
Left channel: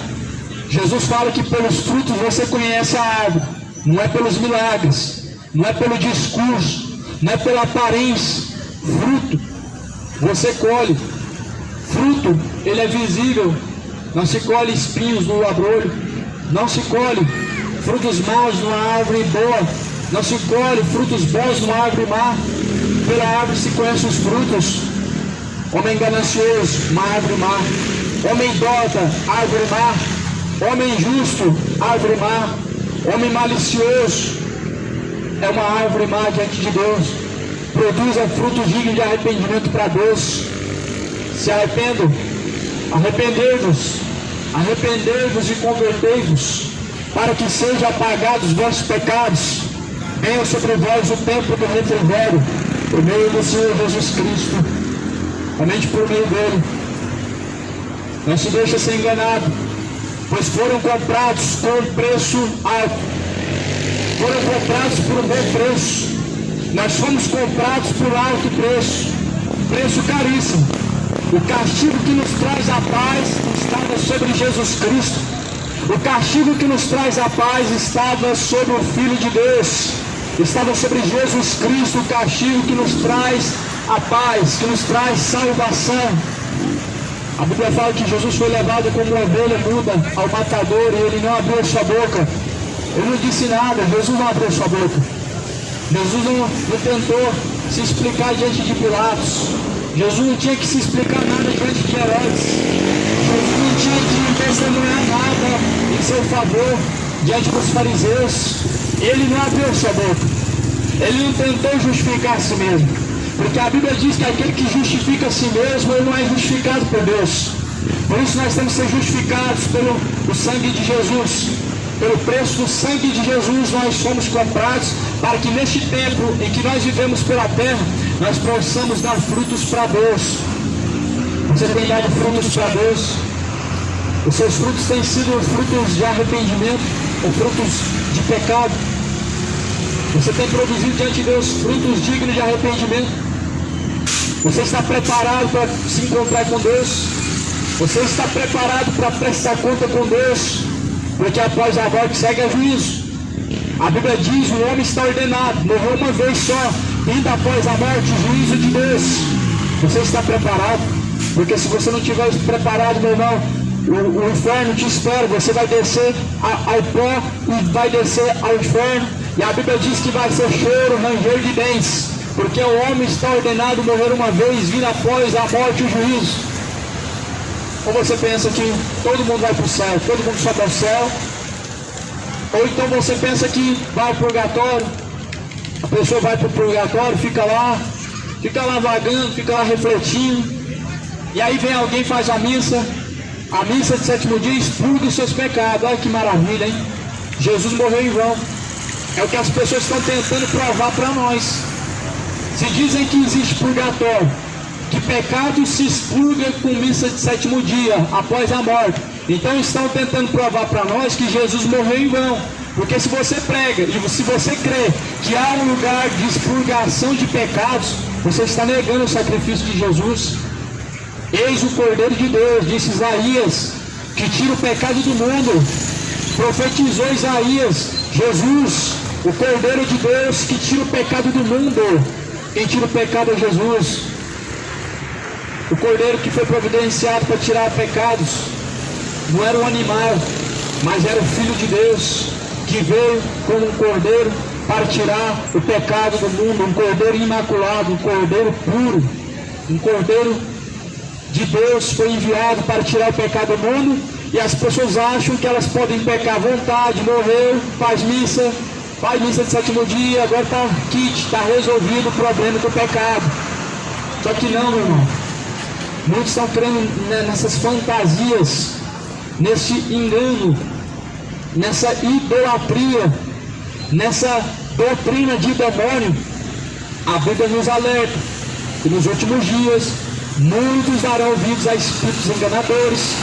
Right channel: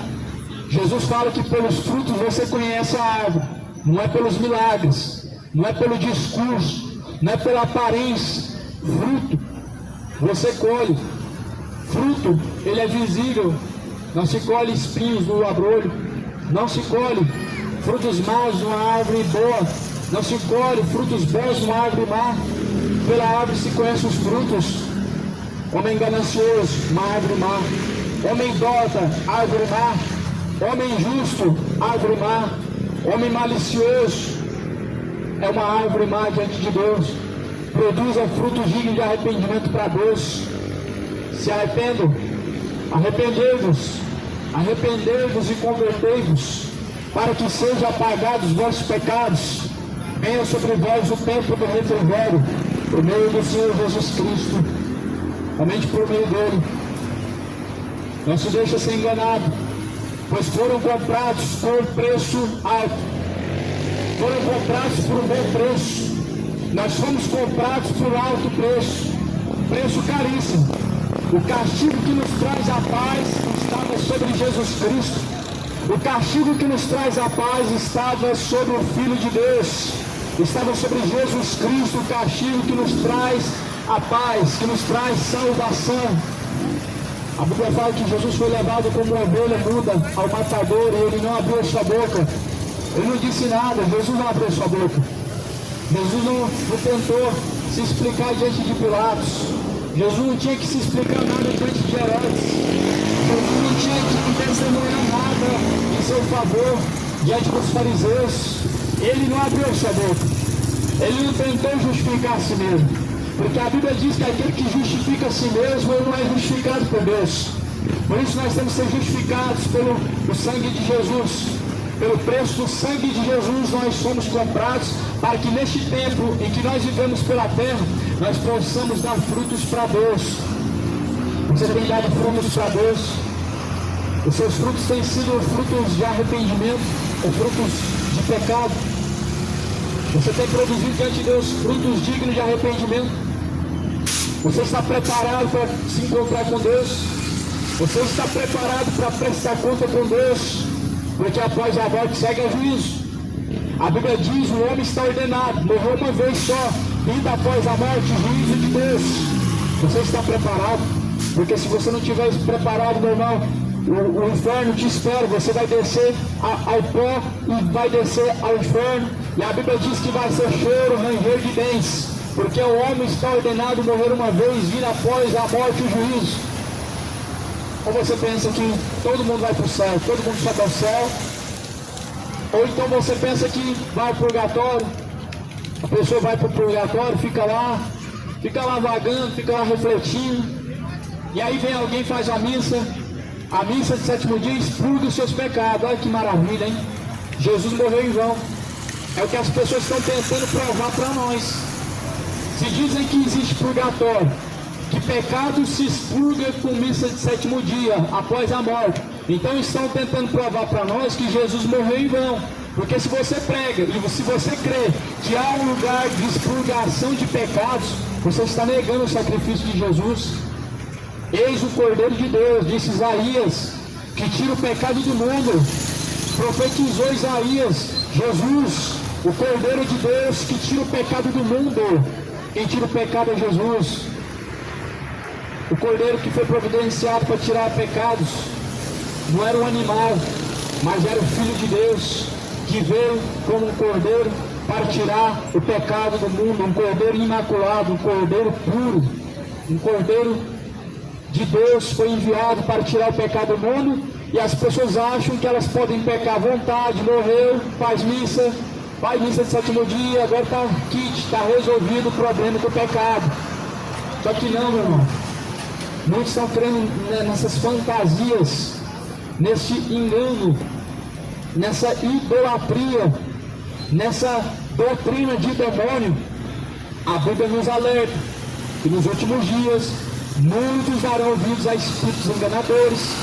Jesus fala que pelos frutos você conhece a árvore. Não é pelos milagres, não é pelo discurso, não é pela aparência. Fruto você colhe. Fruto, ele é visível. Não se colhe espinhos no abrolho. Não se colhe frutos maus numa árvore boa. Não se colhe frutos bons numa árvore má. Pela árvore se conhece os frutos. Homem ganancioso, uma árvore má. Homem idólatra, árvore má. Homem injusto, árvore má. Homem malicioso é uma árvore má diante de Deus. Produza frutos dignos de arrependimento para Deus. Se arrependam, arrependei-vos e convertei-vos, para que sejam apagados os vossos pecados. Venha sobre vós o tempo do refrigério, por meio do Senhor Jesus Cristo, somente por meio dele. Não se deixe ser enganado, pois foram comprados por um preço alto. Foram comprados por um bom preço. Nós fomos comprados por alto preço, preço caríssimo. O castigo que nos traz a paz estava sobre Jesus Cristo. O castigo que nos traz a paz estava sobre o Filho de Deus. Estava sobre Jesus Cristo, o castigo que nos traz a paz, que nos traz salvação. A Bíblia fala que Jesus foi levado como uma ovelha muda ao matador e ele não abriu sua boca. Ele não disse nada, Jesus não abriu sua boca. Jesus não tentou se explicar diante de Pilatos. Jesus não tinha que se explicar nada diante de Herodes. Jesus não tinha que testemunhar nada em seu favor diante dos fariseus. Ele não abriu sua boca. Ele não tentou justificar a si mesmo. Porque a Bíblia diz que aquele que justifica a si mesmo, ele não é justificado por Deus. Por isso nós temos que ser justificados pelo sangue de Jesus. Pelo preço do sangue de Jesus nós somos comprados, para que neste tempo em que nós vivemos pela terra, nós possamos dar frutos para Deus. Você tem dado frutos para Deus? Os seus frutos têm sido frutos de arrependimento, ou frutos de pecado? Você tem produzido diante de Deus frutos dignos de arrependimento? Você está preparado para se encontrar com Deus? Você está preparado para prestar conta com Deus? Porque após a morte segue a juízo. A Bíblia diz: o homem está ordenado, morreu uma vez só, indo após a morte, juízo de Deus. Você está preparado? Porque se você não estiver preparado, meu irmão, o inferno te espera. Você vai descer ao pó e vai descer ao inferno. E a Bíblia diz que vai ser choro, ranger de dentes, porque o homem está ordenado morrer uma vez, vindo após a morte o juízo. Ou você pensa que todo mundo vai para o céu, todo mundo sobe ao céu? Ou então você pensa que vai para o purgatório, a pessoa vai para o purgatório, fica lá vagando, fica lá refletindo, e aí vem alguém, faz a missa de sétimo dia, expurga os seus pecados. Olha que maravilha, hein? Jesus morreu em vão. É o que as pessoas estão tentando provar para nós. Se dizem que existe purgatório, que pecado se expurga com missa de sétimo dia, após a morte, então estão tentando provar para nós que Jesus morreu em vão. Porque se você prega e se você crê que há um lugar de expurgação de pecados, você está negando o sacrifício de Jesus. Eis o Cordeiro de Deus, disse Isaías, que tira o pecado do mundo. Profetizou Isaías, Jesus, o Cordeiro de Deus que tira o pecado do mundo. Quem tira o pecado é Jesus. O Cordeiro que foi providenciado para tirar pecados não era um animal, mas era o Filho de Deus, que veio como um Cordeiro para tirar o pecado do mundo. Um Cordeiro imaculado, um Cordeiro puro, um Cordeiro de Deus foi enviado para tirar o pecado do mundo. E as pessoas acham que elas podem pecar à vontade, morreu, faz missa de sétimo dia, agora está kit, está resolvido o problema do pecado. Só que não, meu irmão. Muitos estão crendo nessas fantasias, nesse engano, nessa idolatria, nessa doutrina de demônio. A Bíblia nos alerta que nos últimos dias muitos darão ouvidos a espíritos enganadores,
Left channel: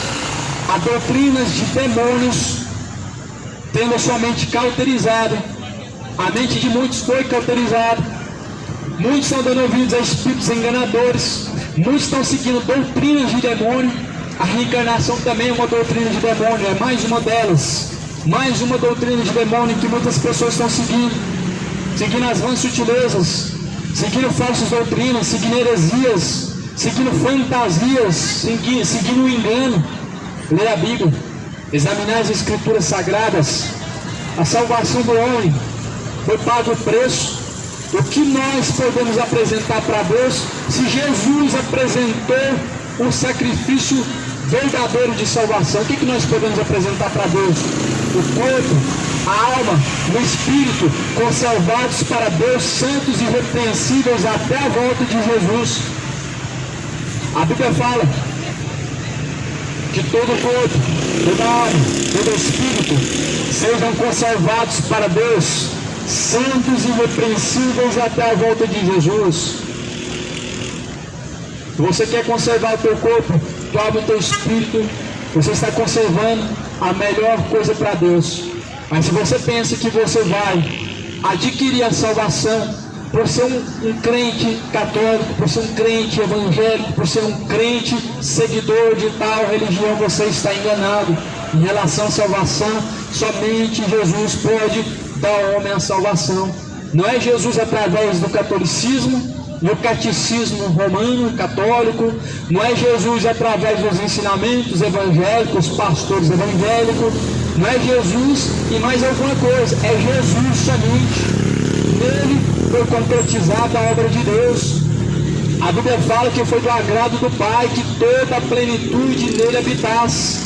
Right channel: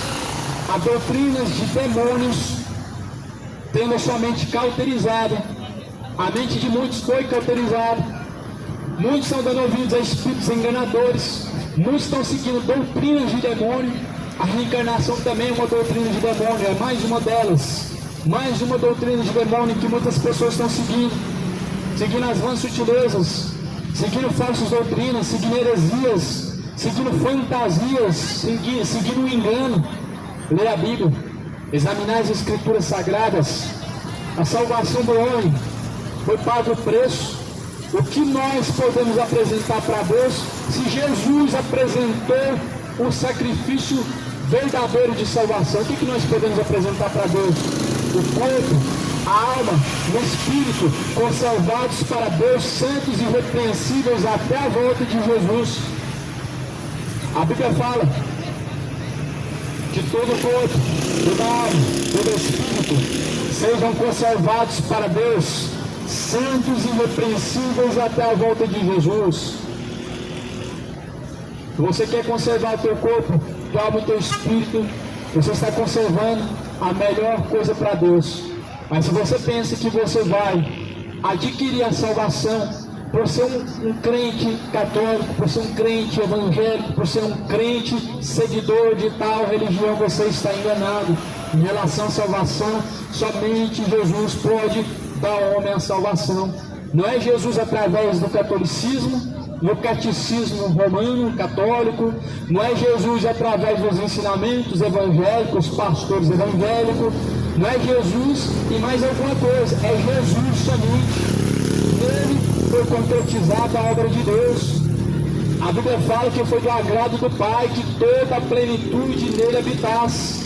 a doutrinas de demônios, tendo a sua mente cauterizada. A mente de muitos foi cauterizada. Muitos estão dando ouvidos a espíritos enganadores. Muitos estão seguindo doutrinas de demônio. A reencarnação também é uma doutrina de demônio, é mais uma delas. Mais uma doutrina de demônio que muitas pessoas estão seguindo as vãs sutilezas, seguindo falsas doutrinas, seguindo heresias, seguindo fantasias, seguindo o engano. Ler a Bíblia, examinar as Escrituras Sagradas. A salvação do homem foi pago o preço. O que nós podemos apresentar para Deus se Jesus apresentou um sacrifício verdadeiro de salvação? O que nós podemos apresentar para Deus? O corpo, a alma, o espírito, conservados para Deus, santos e irrepreensíveis até a volta de Jesus. A Bíblia fala que todo o corpo, toda a alma, todo o espírito sejam conservados para Deus, santos e irrepreensíveis até a volta de Jesus. Se você quer conservar o teu corpo, tua alma e teu espírito, você está conservando a melhor coisa para Deus. Mas se você pensa que você vai adquirir a salvação por ser um crente católico, por ser um crente evangélico, por ser um crente seguidor de tal religião, você está enganado. Em relação à salvação, somente Jesus pode dar ao homem a salvação. Não é Jesus através do catolicismo, no catecismo romano, católico. Não é Jesus através dos ensinamentos evangélicos, pastores evangélicos. Não é Jesus e mais alguma coisa. É Jesus somente. nele foi concretizada a obra de Deus. A Bíblia fala que foi do agrado do Pai que toda a plenitude nele habitasse.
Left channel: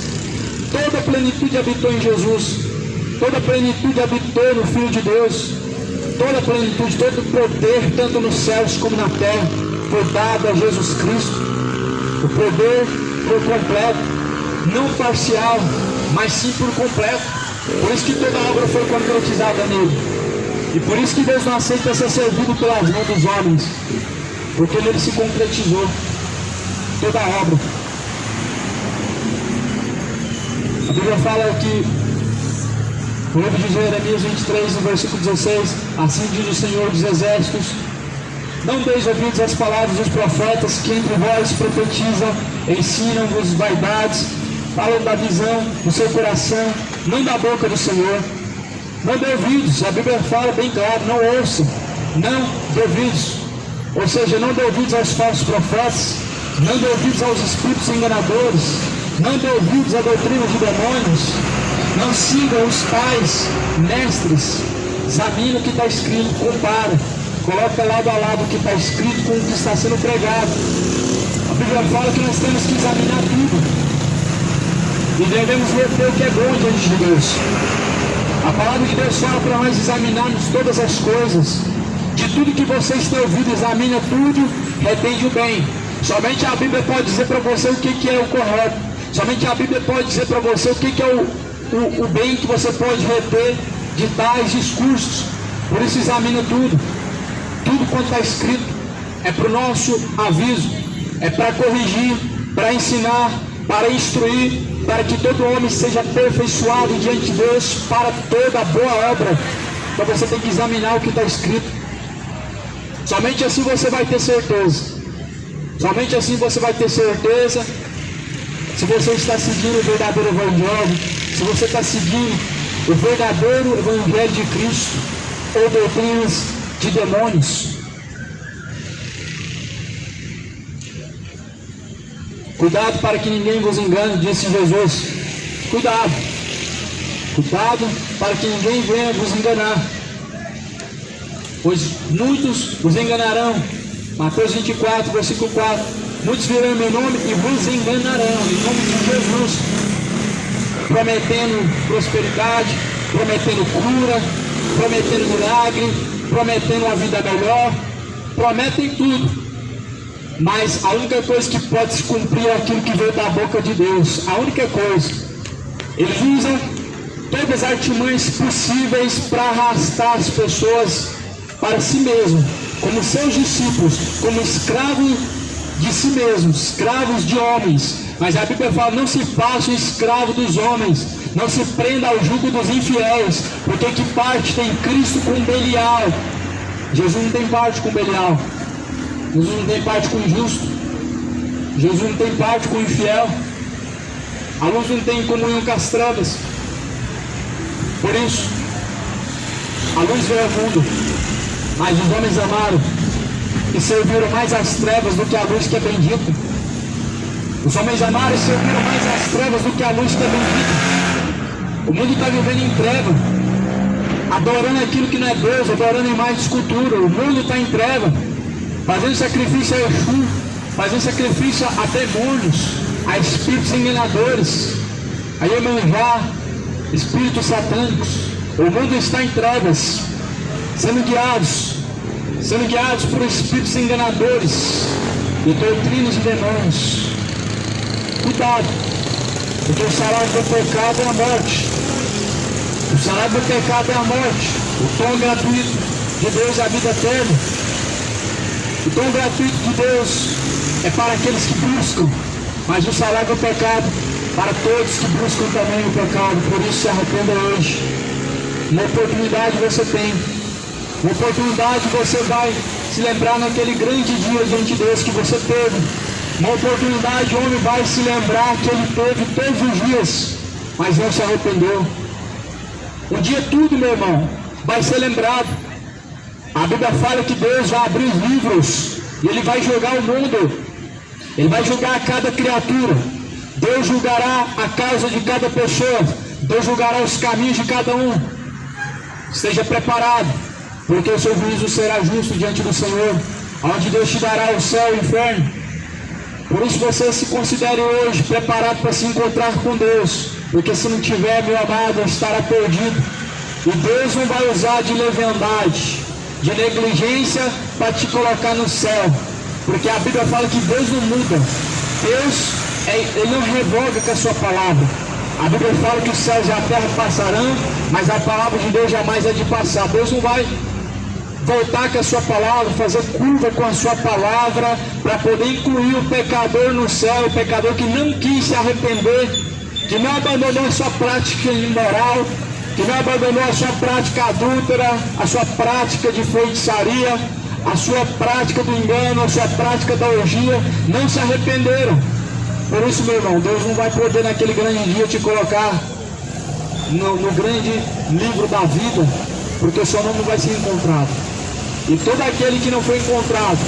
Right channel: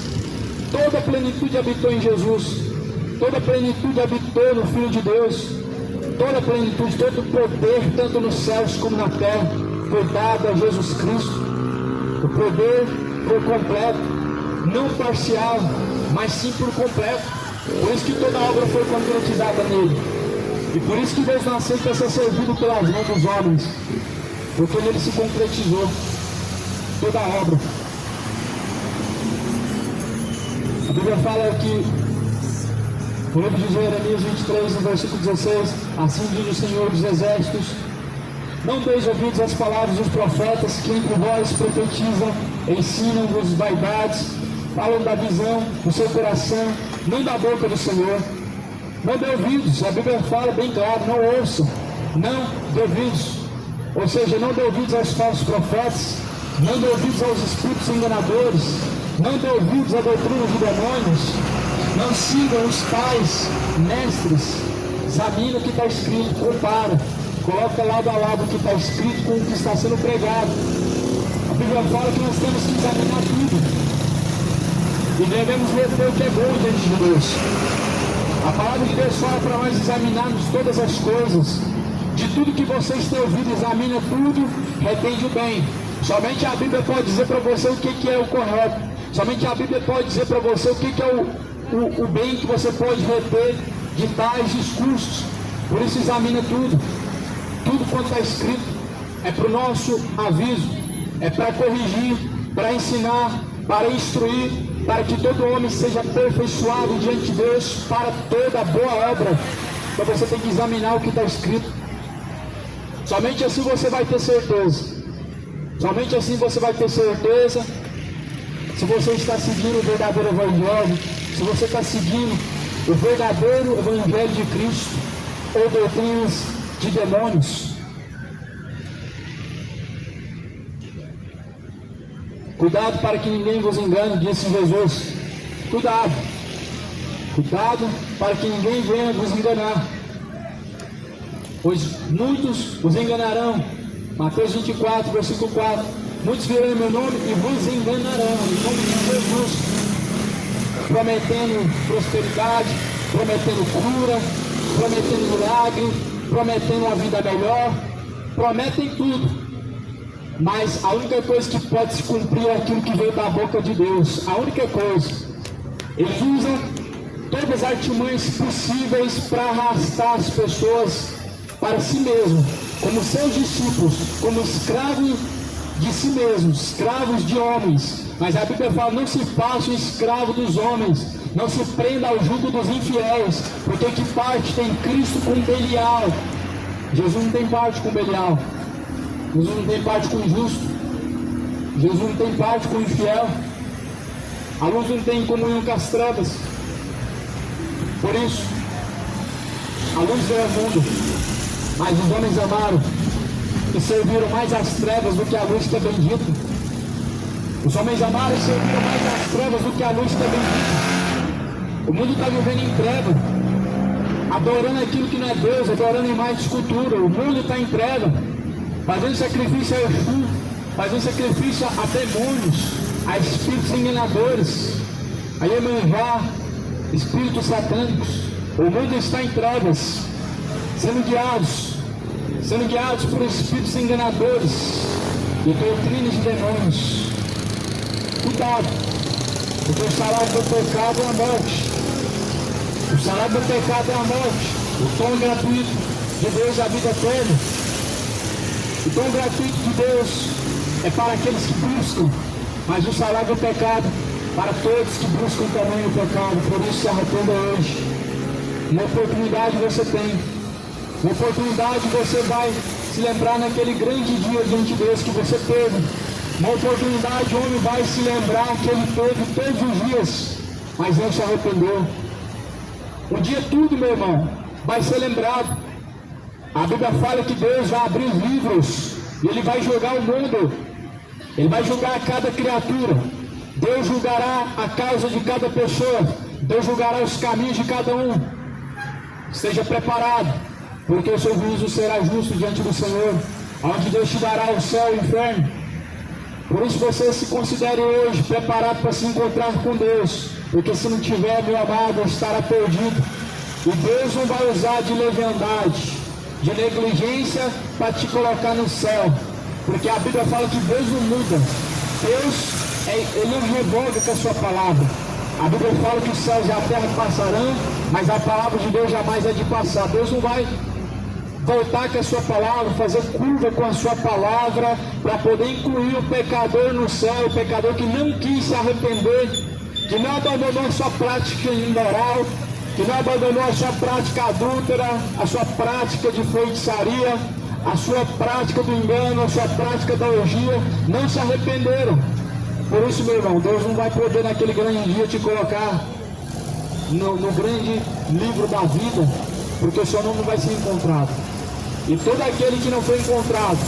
Toda a plenitude habitou em Jesus. Toda a plenitude habitou no Filho de Deus. Toda a plenitude, todo o poder, tanto nos céus como na terra, foi dado a Jesus Cristo. O poder por completo, não parcial, mas sim por completo. Por isso que toda a obra foi concretizada nele. E por isso que Deus não aceita ser servido pelas mãos dos homens, porque nele se concretizou toda a obra. A Bíblia fala que no livro de Jeremias 23, no versículo 16, assim diz o Senhor dos Exércitos: não deis ouvidos às palavras dos profetas que entre vós profetizam, ensinam-vos vaidades, falam da visão do seu coração, não da boca do Senhor. Não dê ouvidos, a Bíblia fala bem claro, não ouçam, não dê ouvidos. Ou seja, não dê ouvidos aos falsos profetas, não dê ouvidos aos espíritos enganadores, não dê ouvidos à doutrina de demônios. Não sigam os pais, mestres. Examine o que está escrito, compara, coloca lado a lado o que está escrito com o que está sendo pregado. A Bíblia fala que nós temos que examinar tudo e devemos reter o que é bom diante de Deus. A palavra de Deus fala para nós examinarmos todas as coisas. De tudo que vocês têm ouvido, examina tudo, retende o bem. Somente a Bíblia pode dizer para você o que é o correto. Somente a Bíblia pode dizer para você o que é o bem que você pode reter de tais discursos. Por isso examina tudo. Tudo quanto está escrito é para o nosso aviso, é para corrigir, para ensinar, para instruir, para que todo homem seja aperfeiçoado diante de Deus para toda boa obra. Então você tem que examinar o que está escrito. Somente assim você vai ter certeza. Somente assim você vai ter certeza se você está seguindo o verdadeiro evangelho, se você está seguindo o verdadeiro evangelho de Cristo ou doutrinas de demônios. Cuidado para que ninguém vos engane, disse Jesus. Cuidado. Cuidado para que ninguém venha vos enganar, pois muitos vos enganarão. Mateus 24, versículo 4. Muitos virão em meu nome e vos enganarão, em nome de Jesus, prometendo prosperidade, prometendo cura, prometendo milagre, prometendo uma vida melhor, prometem tudo, mas a única coisa que pode se cumprir é aquilo que veio da boca de Deus. A única coisa. Eles usam todas as artimanhas possíveis para arrastar as pessoas para si mesmo, como seus discípulos, como escravos de si mesmos, escravos de homens. Mas a Bíblia fala: não se faça escravo dos homens, não se prenda ao jugo dos infiéis, porque que parte tem Cristo com Belial? Jesus não tem parte com Belial, Jesus não tem parte com o justo, Jesus não tem parte com o infiel, a luz não tem comunhão com as trevas. Por isso, a luz veio ao mundo, mas os homens amaram e serviram mais as trevas do que a luz que é bendita. Os homens amaram e serviram mais as trevas do que a luz que é bendita. O mundo está vivendo em treva, adorando aquilo que não é Deus, adorando imagem de escultura. O mundo está em treva, fazendo sacrifício a Exu, fazendo sacrifício a demônios, a espíritos enganadores, a Iemanjá, espíritos satânicos. O mundo está em trevas, sendo guiados por espíritos enganadores e doutrinas de demônios. Cuidado, porque o salário do pecado é a morte. O salário do pecado é a morte. O dom gratuito de Deus é a vida eterna. O dom gratuito de Deus é para aqueles que buscam, mas o salário do pecado para todos que buscam também o pecado. Por isso se arrependa hoje. Uma oportunidade você tem. Uma oportunidade você vai se lembrar naquele grande dia diante de Deus que você teve. Uma oportunidade o homem vai se lembrar que ele teve todos os dias, mas não se arrependeu. Um dia tudo, meu irmão, vai ser lembrado. A Bíblia fala que Deus vai abrir os livros e Ele vai julgar o mundo. Ele vai julgar cada criatura. Deus julgará a causa de cada pessoa. Deus julgará os caminhos de cada um. Esteja preparado. porque o seu juízo será justo diante do Senhor, onde Deus te dará o céu e o inferno. Por isso você se considere hoje preparado para se encontrar com Deus, porque se não tiver, meu amado, estará perdido. E Deus não vai usar de leviandade, de negligência para te colocar no céu, porque a Bíblia fala que Deus não muda. Deus, Ele não revoga com a sua palavra. A Bíblia fala que os céus e a terra passarão, mas a palavra de Deus jamais é de passar. Deus não vai voltar com a sua palavra, fazer curva com a sua palavra, para poder incluir o pecador no céu, o pecador que não quis se arrepender, que não abandonou a sua prática imoral, que não abandonou a sua prática adúltera, a sua prática de feitiçaria, a sua prática do engano, a sua prática da orgia, não se arrependeram. Por isso, meu irmão, Deus não vai poder naquele grande dia te colocar no grande livro da vida, porque o seu nome não vai ser encontrado. E todo aquele que não foi encontrado,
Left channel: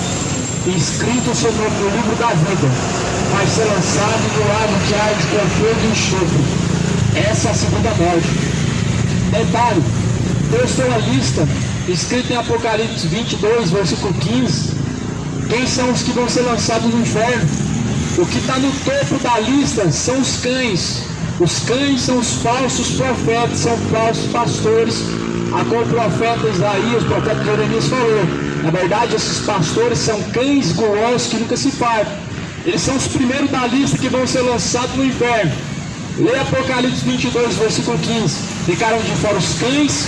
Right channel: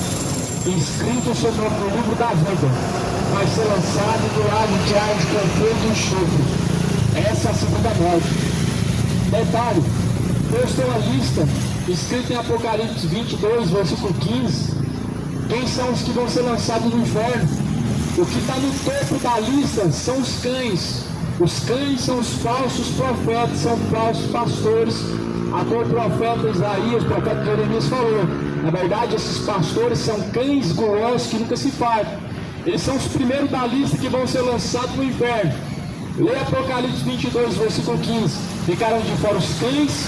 inscrito o seu nome no livro da vida, vai ser lançado no lago que arde com fogo e enxofre. Essa é a segunda morte. Detalhe, Deus tem uma lista, escrita em Apocalipse 22, versículo 15. Quem são os que vão ser lançados no inferno? O que está no topo da lista são os cães. Os cães são os falsos profetas, são falsos pastores, a qual o profeta Isaías, o profeta Jeremias falou. Na verdade, esses pastores são cães gulosos que nunca se fartam. Eles são os primeiros da lista que vão ser lançados no inferno. Leia Apocalipse 22, versículo 15. Ficaram de fora os cães,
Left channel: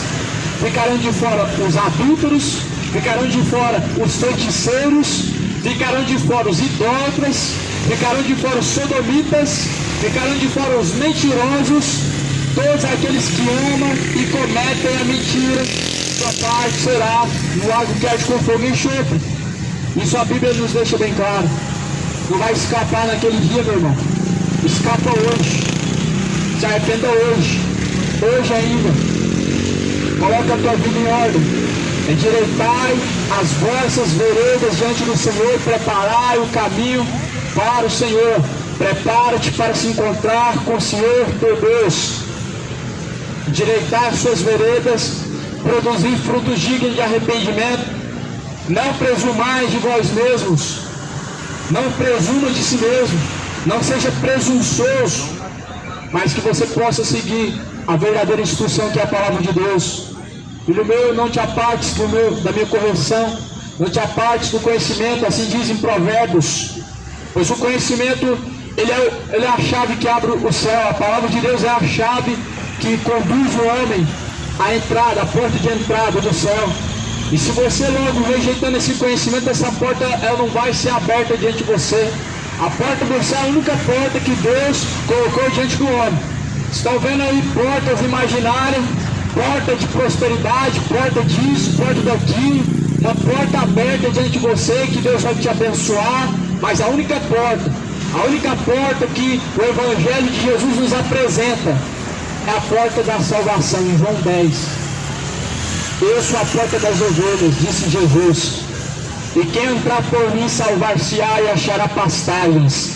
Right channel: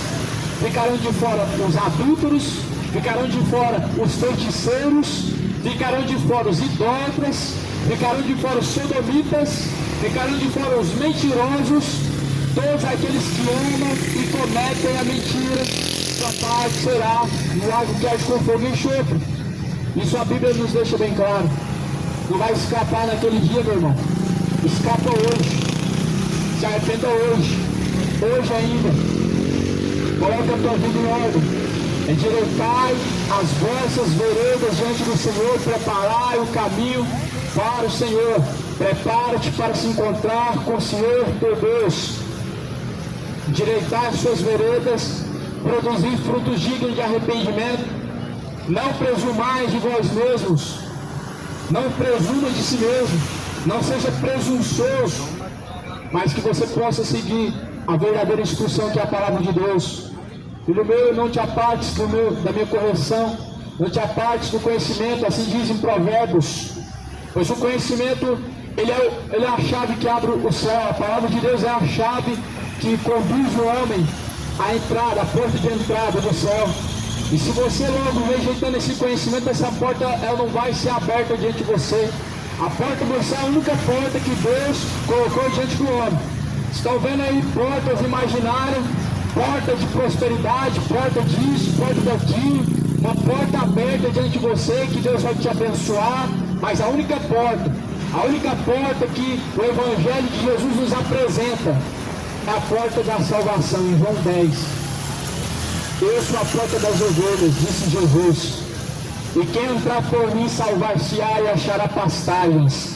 ficarão de fora os adúlteros, ficarão de fora os feiticeiros, ficarão de fora os idólatras, ficarão de fora os sodomitas, ficarão de fora os mentirosos, todos aqueles que amam e cometem a mentira. Sua parte será no lago que arde com fogo e enxofre. Isso a Bíblia nos deixa bem claro. Não vai escapar naquele dia, meu irmão. Escapa hoje. Se arrependa hoje. Hoje ainda. Coloca a tua vida em ordem. Endireitai as vossas veredas diante do Senhor. Preparai o caminho para o Senhor. Prepara-te para se encontrar com o Senhor teu Deus. Endireitai as suas veredas. Produzir frutos dignos de arrependimento. Não presumais de vós mesmos. Não presuma de si mesmo. Não seja presunçoso. Mas que você possa seguir a verdadeira instrução que é a palavra de Deus. Filho meu, não te apartes da minha correção. Não te apartes do conhecimento. Assim dizem Provérbios. Pois o conhecimento, ele é a chave que abre o céu. A palavra de Deus é a chave que conduz o homem à entrada, a porta de entrada do céu. E se você logo rejeitando esse conhecimento, essa porta ela não vai ser aberta diante de você. A porta do céu é a única porta que Deus colocou diante do homem. Estão vendo aí portas imaginárias, porta de prosperidade, porta disso, porta daquilo, uma porta aberta diante de você que Deus vai te abençoar, mas a única porta que o Evangelho de Jesus nos apresenta é a porta da salvação, em João 10. Eu sou a porta das ovelhas, disse Jesus. E quem entrar por mim salvar-se-á e achará pastagens.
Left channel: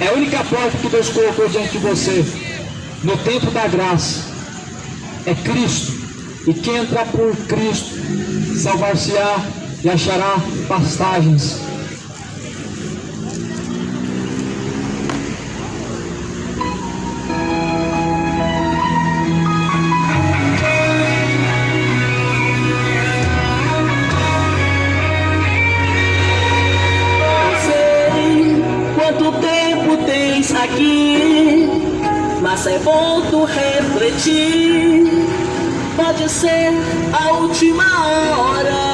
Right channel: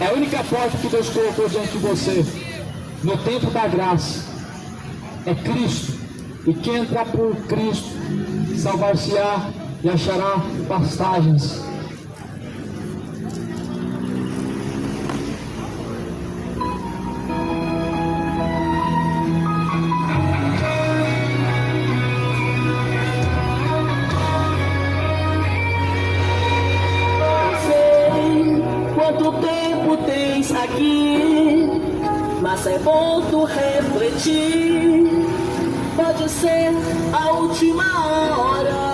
É a única porta que Deus colocou diante de você, no templo da graça. É Cristo. E quem entrar por Cristo salvar-se-á e achará pastagens. Mas é bom tu refletir, pode ser a última hora.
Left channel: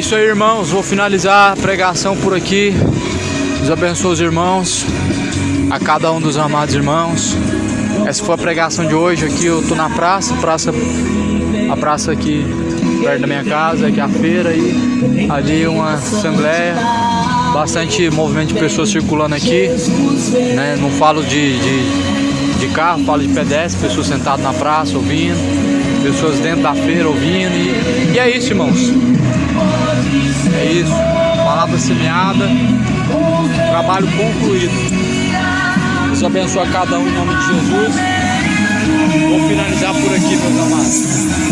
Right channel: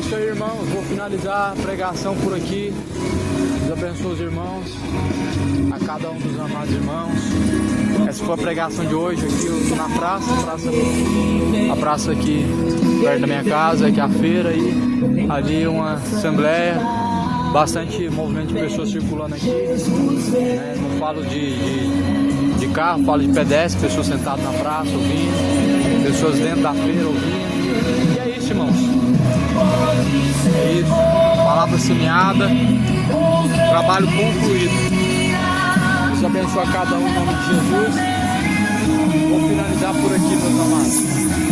isso aí, irmãos. Vou finalizar a pregação por aqui. Deus abençoe os irmãos, a cada um dos amados irmãos. Essa foi a pregação de hoje. Aqui eu tô na praça a praça aqui perto da minha casa, aqui a feira e ali uma assembleia, bastante movimento de pessoas circulando aqui, né? Não falo de carro, falo de pedestre, pessoas sentadas na praça ouvindo, pessoas dentro da feira ouvindo e é isso, irmãos. É isso, palavra semeada, trabalho concluído. Deus abençoe a cada um em nome de Jesus. Vou finalizar por aqui, meus amados.